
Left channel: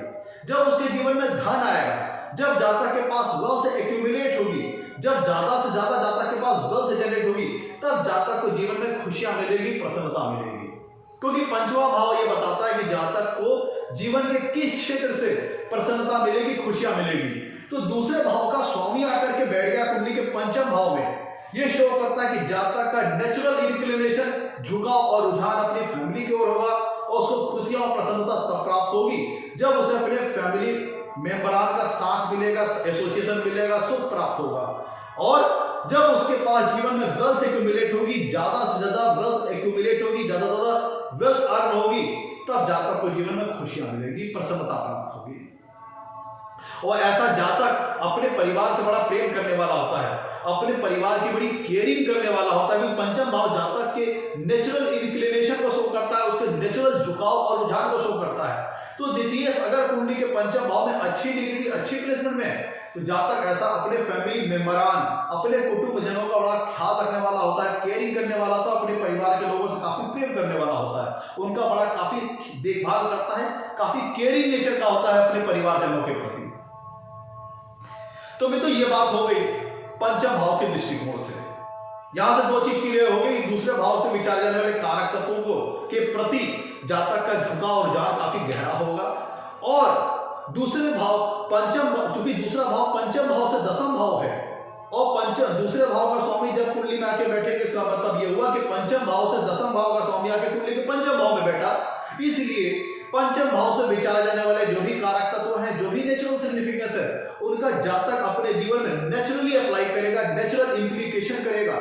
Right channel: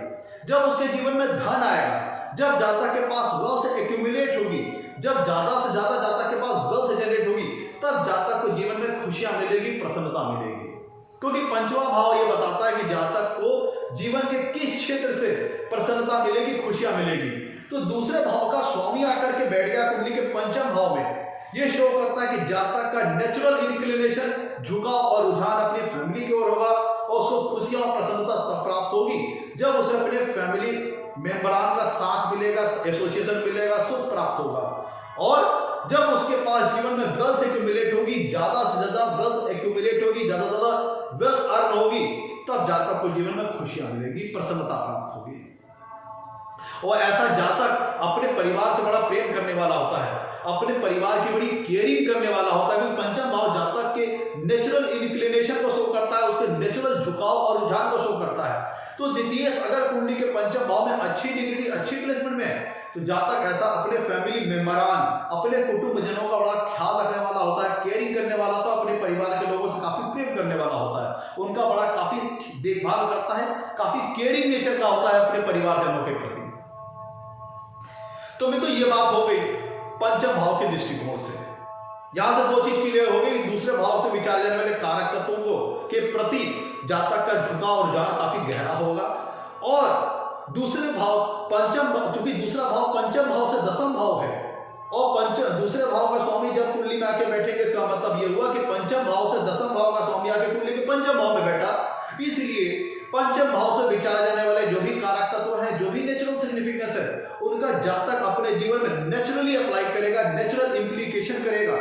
जब उसके जीवन में धन आएगा, जब जातक के पास वेल्थ एक्यूमुलेट होगी, जब ज्यादा से ज्यादा जातक के पास वेल्थ जनरेट होगी, तब जातक को जीवन में खुशियां मिलेगी, प्रसन्नता मिलेगी। क्योंकि पंचवा भाव ये बताता है कि जातक को जीवन के किस क्षेत्र से प्रसन्नता मिलेगी, खुशियां मिलेगी। तो दूसरे भाव का स्वामी आकर के बैठ गया कुंडली के पंचम भाव में, ये शो करता है कि जातक का नेचुरल इंक्लिनेशन, झुकाव और रुझान अपनी फैमिली की ओर होगा, और उसको खुशियां और प्रसन्नता तब प्राप्त होगी जब उसे अपने फैमिली मेंबरान का साथ मिलेगा, एसोसिएशन मिलेगा, सुख प्राप्त होगा। और जब उसके पास जीवन में वेल्थ एक्यूमुलेट होगी, ज्यादा से ज्यादा वेल्थ एक्यूमुलेट होगी, ज्यादा से ज्यादा वेल्थ अर्न होगी, तब जातक को जीवन में खुशियां मिलेगी, प्रसन्नता प्राप्त होगी। और ऐसा जातक अपने परिवार से बड़ा प्रेम करने वाला होता है, अपने परिवार की बड़ी केयरिंग करने वाला होता है, क्योंकि पंचम भाव जातक के नेचुरल इंक्लिनेशन को शो करता है, उसके नेचुरल झुकाव और रुझान को शो करता है। तो द्वितीय अगर कुंडली के पंचम भाव में अच्छी डिग्री, अच्छी प्लेसमेंट में है, तो जातक ऐसा अपने फैमिली मेंबरान, अपने कुटुंब जनों का बड़ा ख्याल रखने वाला होता है, केयरिंग करने वाला, तो अपने परिवार के लोगों से काफी प्रेम करने वाला होता है, उनका बड़ा काफी देखभाल करता है, काफी केयरिंग नेचर का होता है अपने परिवारजनों के प्रति। तो मित्रों, ये बात हो गई पंचम भाव के दृष्टिकोण से। यहां से दो चीज क्लियर हो गई, दूसरे भाव से विचारे जाने वाले कारक तत्वों को के प्रति जातक का झुकाव और रुझान काफी गहरा होगा, और दूसरे भाव पंचम, क्योंकि दूसरा भाव पंचम भाव से दसम भाव है, और दूसरे भाव का स्वामी जब कुंडली में आके बैठेंगे, इसका मतलब ये हुआ कि पंचम भाव से दसम भाव का स्वामी आके कुंडली के पंचम भाव में बैठा, इसलिए पंचम भाव से विचारे जाने वाले जो भी कारक तत्व हैं, जो भी नेचुरल सिग्निफिकेंस है, उनका जातक अपने जीवन में नेचुरली अप्लाई करेगा, नेचुरल इंप्लीकेशन करेगा।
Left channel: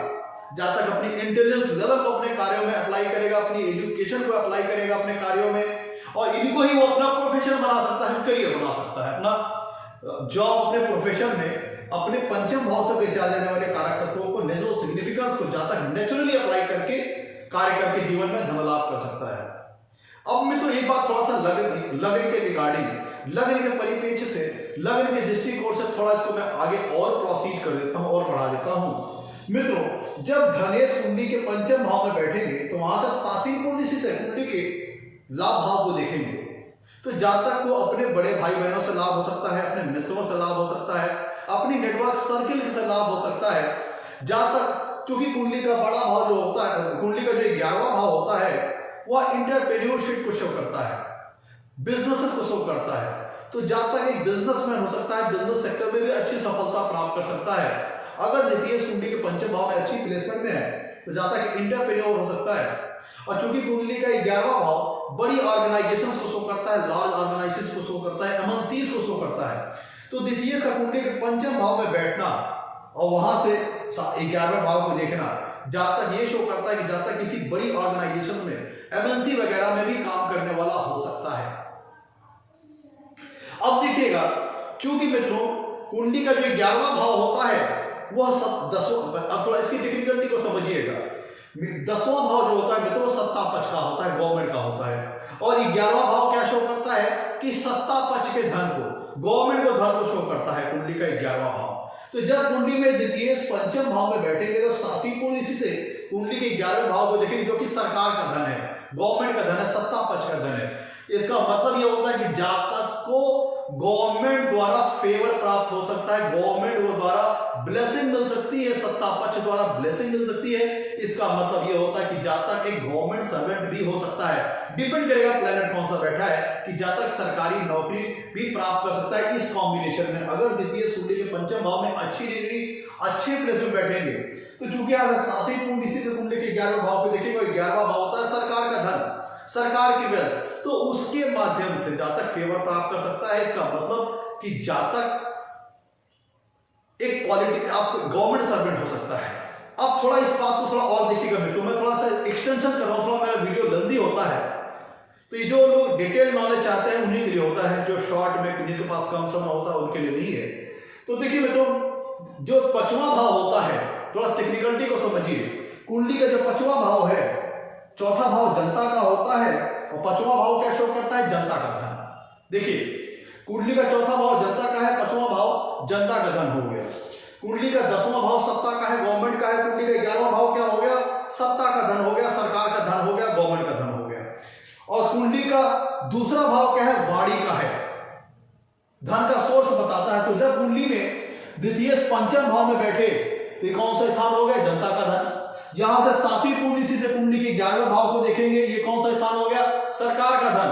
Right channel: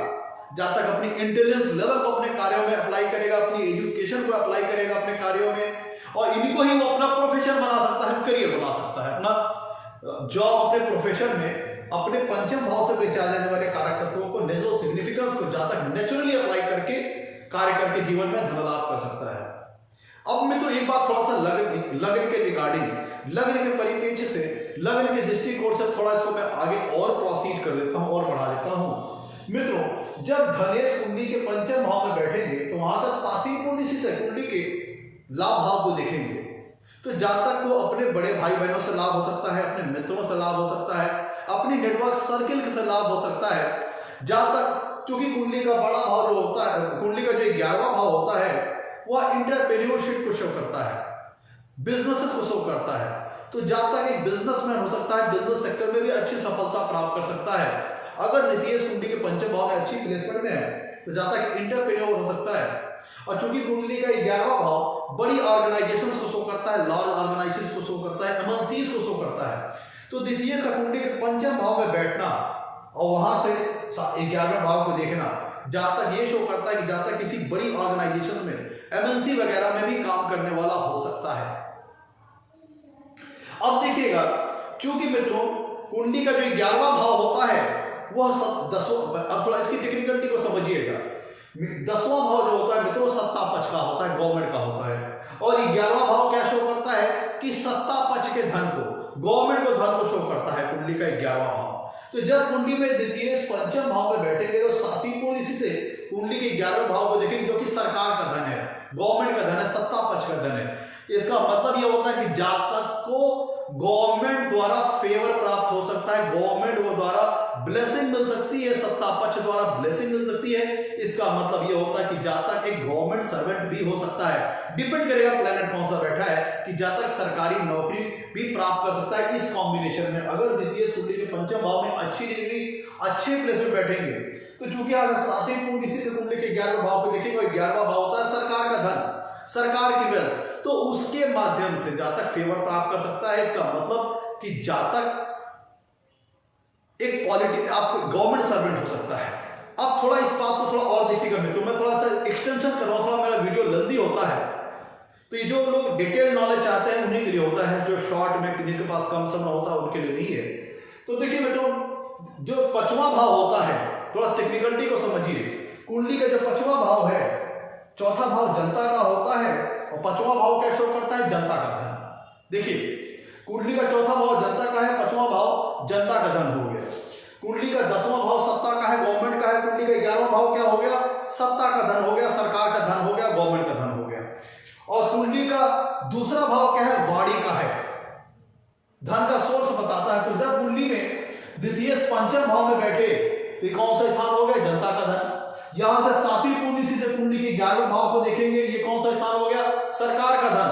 जातक अपनी इंटेलिजेंस लेवल को अपने कार्यों में अप्लाई करेगा, अपनी एजुकेशन को अप्लाई करेगा अपने कार्यों में, और इनको ही वो अपना प्रोफेशन बना सकता है, करियर बना सकता है, अपना जॉब, अपने प्रोफेशन में अपने पंचम भाव से विचारे जाने वाले कारक तत्वों को, नेचुरल सिग्निफिकेंस को जातक नेचुरली अप्लाई करके कार्य करके जीवन में धन लाभ कर सकता है। अब मित्रों, एक बात थोड़ा सा लग्न के रिगार्डिंग, लग्न के परिप्रेक्ष्य से, लग्न के दृष्टिकोण से थोड़ा इसको मैं आगे और प्रोसीड कर देता हूं और बढ़ा देता हूं। मित्रों, जब धनेश कुंडली के पंचम भाव में बैठेंगे, तो वहां से सातवीं कुंडली से कुंडली के लाभ भाव को देखेंगे, तो जातक को अपने बड़े भाई बहनों से लाभ हो सकता है, अपने मित्रों से लाभ हो सकता है, अपनी नेटवर्क सर्किल से लाभ हो सकता है। जातक चूंकि कुंडली का बड़ा भाव जो होता है, कुंडली का जो 11वां भाव होता है वह इंटरप्रेन्योरशिप को शो करता है, बिजनेसेस को शो करता है। तो जहां तक एक बिजनेसमैन हो सकता है, बिजनेस सेक्टर में भी अच्छी सफलता प्राप्त कर सकता है अगर द्वितीय कुंडली के पंचम भाव में अच्छी प्लेसमेंट में है। तो जहां तक इंटरप्रेन्योर हो सकता है। और चूंकि कुंडली का 11वां भाव बड़ी ऑर्गेनाइजेशंस को शो करता है, लार्ज ऑर्गेनाइजेशंस को शो करता है, एमएनसीज को शो करता है। तो द्वितीय का कुंडली के पंचम भाव में बैठना और वहां से 11वें भाव को देखना, जहां तक ये शो करता है कि जहां तक किसी बड़ी ऑर्गेनाइजेशन में, एमएनसी वगैरह में भी काम करने वाला हो सकता है। अब देखिएगा, चूंकि मित्रों कुंडली का जो 11वां भाव होता है वह 10वां, अब थोड़ा इसकी टेक्निकलिटी को समझिएगा। 10वां भाव जो होता है मित्रों सत्ता पक्ष का होता है, गवर्नमेंट का होता है। और 11वां भाव क्या शो करता है कि सत्ता पक्ष के धन को, गवर्नमेंट को धन को शो करता है कुंडली का 11वां भाव। तो जब कुंडली में द्वितीय पंचम भाव में बैठेंगे तो सातवीं पूर्ण इसी से कुंडली के 11वें भाव को देखेंगे, जो कि सरकार का धन है, गवर्नमेंट का धन है, सत्ता पक्ष का धन है। इसका मतलब यह होता है कि जहां तक को गवर्नमेंट द्वारा फेवर प्राप्त हो सकता है, गवर्नमेंट द्वारा ब्लेसिंग मिल सकती है, सत्ता पक्ष द्वारा ब्लेसिंग मिल सकती है। इसका मतलब यह होता है कि जहां तक एक गवर्नमेंट सर्वेंट भी हो सकता है, डिपेंड करेगा प्लैनेट कौन सा बैठा है, कि जहां तक सरकारी नौकरी भी प्राप्त कर सकता है इस कॉम्बिनेशन में। अगर द्वितीय कुंडली के पंचम भाव में अच्छी डिग्री, अच्छे प्लेस में बैठेंगे। तो चूंकि आज सातवीं पूर्ण इसी से कुंडली के 11वें भाव पे देखेंगे, 11वां भाव होता है सरकार का धन, सरकार की वेल्थ, तो उसके माध्यम से जहां तक फेवर प्राप्त कर सकता है। इसका मतलब कि जहां तक एक पॉलिटिक्स, आप गवर्नमेंट सर्वेंट हो सकता है। अब थोड़ा इस बात को थोड़ा और देखिएगा मित्रों, मैं थोड़ा सा एक्सटेंशन कर रहा हूं, थोड़ा मेरा वीडियो जल्दी होता है, तो ये जो लोग डिटेल नॉलेज चाहते हैं उन्हीं के लिए होता है, जो शॉर्ट में जिनके पास कम समय होता है उनके लिए नहीं है। तो देखिए मित्रों, जो पांचवा भाव होता है, थोड़ा टेक्निकलिटी को समझिए। कुंडली का जो पांचवा भाव है, चौथा भाव जनता का होता है और पांचवा भाव क्या शो करता है, जनता का धन। देखिए कुंडली का चौथा भाव जनता का है, पांचवा भाव जनता का धन हो गया। कुंडली का 10वां भाव सत्ता का है, गवर्नमेंट का है। कुंडली का 11वां भाव क्या हो गया, सत्ता का धन हो गया, सरकार का धन हो गया, गवर्नमेंट का धन हो गया। और कुंडली का दूसरा भाव क्या है, वाणी का है, धन का सोर्स बताता है। तो जब कुंडली में द्वितीय पंचम भाव में बैठे तो कौन सा स्थान हो गया, जनता का धन। यहां से सातवीं पूर्ण इसी से कुंडली के 11वें भाव को देखेंगे, ये कौन सा स्थान हो गया, सरकार का धन,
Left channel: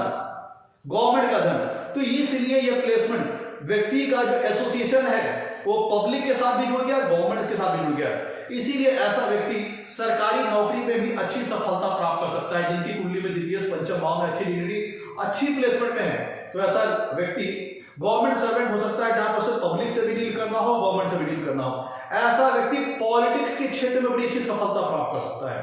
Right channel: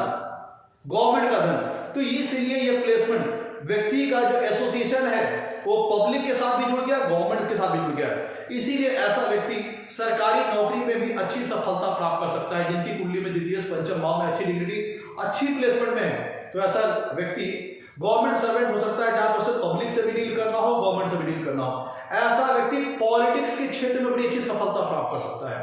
गवर्नमेंट का धन। तो इसलिए ये प्लेसमेंट व्यक्ति का जो एसोसिएशन है वो पब्लिक के साथ भी जुड़ गया, गवर्नमेंट के साथ भी जुड़ गया। इसीलिए ऐसा व्यक्ति सरकारी नौकरी में भी अच्छी सफलता प्राप्त कर सकता है, जिनकी कुंडली में द्वितीय पंचम भाव में अच्छी डिग्री, अच्छी प्लेसमेंट में है। तो ऐसा व्यक्ति गवर्नमेंट सर्वेंट हो सकता है, जहां पर उसे पब्लिक से भी डील करना हो, गवर्नमेंट से भी डील करना हो। ऐसा व्यक्ति पॉलिटिक्स के क्षेत्र में बड़ी अच्छी सफलता प्राप्त कर सकता है।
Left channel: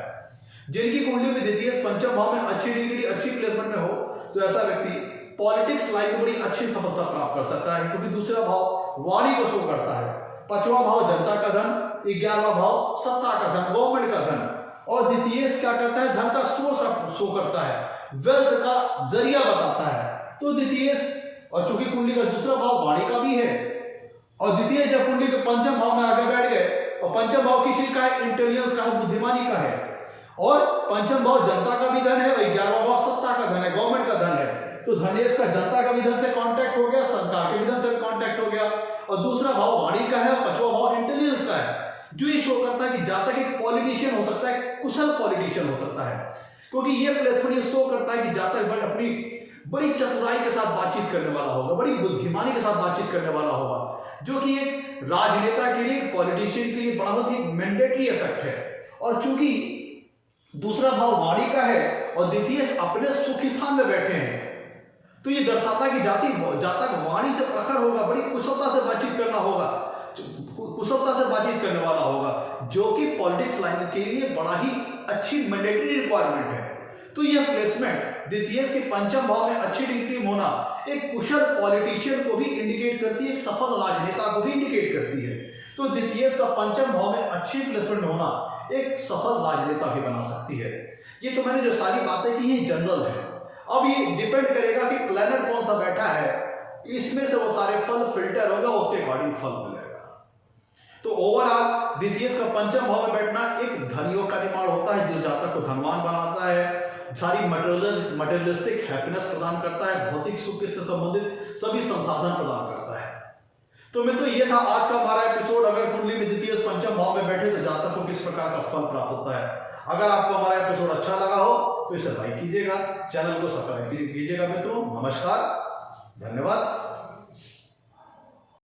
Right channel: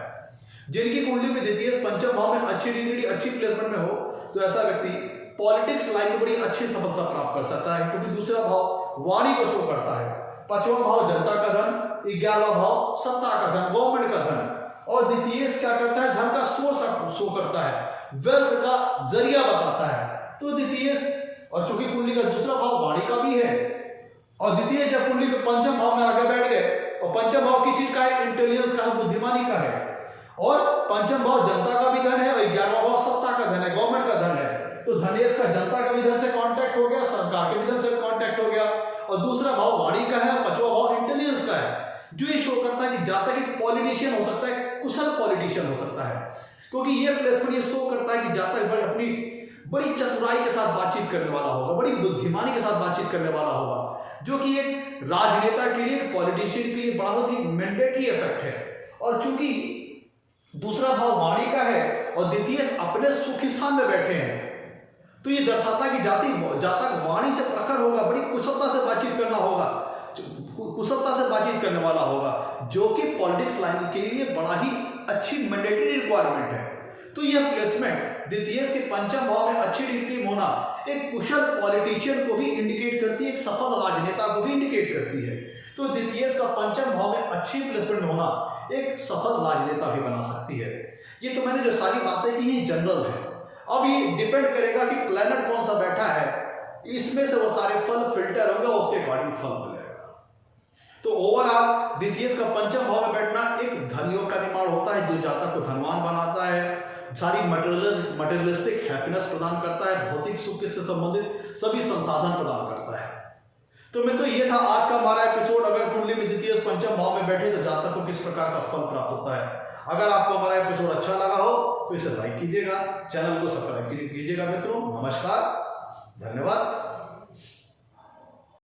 जिनकी कुंडली में द्वितीय पंचम भाव में अच्छी डिग्री, अच्छी प्लेसमेंट में हो, तो ऐसा व्यक्ति पॉलिटिक्स लाइन में बड़ी अच्छी सफलता प्राप्त कर सकता है, क्योंकि दूसरा भाव वाणी को शो करता है, पांचवा भाव जनता का धन, 11वां भाव सत्ता का धन, गवर्नमेंट का धन। और द्वितीय क्या करता है, धन का सोर्स शो करता है, वेल्थ का जरिया बताता है। तो द्वितीय, और चूंकि कुंडली का दूसरा भाव वाणी का भी है, और द्वितीय जब कुंडली के पंचम भाव में आगे बैठ गए, और पंचम भाव किस चीज का है, इंटेलिजेंस का, बुद्धिमानी का है। और पंचम भाव जनता का भी धन है, और 11वां भाव सत्ता का धन है, गवर्नमेंट का धन है। तो धनेश का जनता का भी धन से कांटेक्ट हो गया, सरकार के भी धन से कांटेक्ट हो गया। और दूसरा भाव वाणी का है, पांचवा भाव इंटेलिजेंस का है, जो ये शो करता है कि जहां तक एक पॉलिटिशियन हो सकता है, कुशल पॉलिटिशियन हो सकता है। क्योंकि ये प्लेसमेंट ये शो करता है कि जहां तक अपनी बड़ी चतुराई के साथ बातचीत करने वाला होगा, बड़ी बुद्धिमानी के साथ बातचीत करने वाला होगा, जो कि एक राजनेता के लिए, पॉलिटिशियन के लिए बहुत ही मैंडेटरी इफेक्ट है। और चूंकि दूसरा भाव वाणी का है और द्वितीय अपने सुख स्थान में बैठे हैं, तो ये दर्शाता है कि जहां तक वाणी से प्रखर होगा, बड़ी कुशलता से बातचीत करना होगा, कुशलता से बातचीत करने वाला होगा, जो कि पॉलिटिक्स लाइन के लिए बड़ा ही अच्छी मैंडेटरी रिक्वायरमेंट है। तो यह प्लेसमेंट द्वितीय के पंचम भाव में अच्छी डिग्री होना एक कुशल पॉलिटिशियन को भी इंडिकेट करती है, एक सफल राजनेता को भी इंडिकेट करती है। तो द्वितीय का पंचम भाव में अच्छी प्लेसमेंट होना एक सफल राजनेता भी बना सकती है। ये तो मैंने जो सारी बातें की ये जनरल है। अब ये डिपेंड करेगा कि प्लैनेट कौन सा बैठा है, इसमें से वो सारे फल फिल्टर होगा, उसके अकॉर्डिंग फल मिलेगा। तो ओवरऑल द्वितीय का पंचम भाव में बैठना एक धनयोग का निर्माण होता है, जो जातक को धनवान बनाता है, सारी मटेरियलिस्टिक हैप्पीनेस प्रदान करता है, भौतिक सुख से संबंधित सभी संसाधन प्रदान करता है। तो मित्रों ये था आज का हमारा एपिसोड। अगर कुंडली में द्वितीय पंचम भाव में बैठे तो जातक को किस प्रकार का फल प्राप्त होता है। अगर आपको हमारा एपिसोड अच्छा लगा हो तो इसे लाइक कीजिएगा, चैनल को सब्सक्राइब कीजिएगा। मित्रों नमस्कार, धन्यवाद।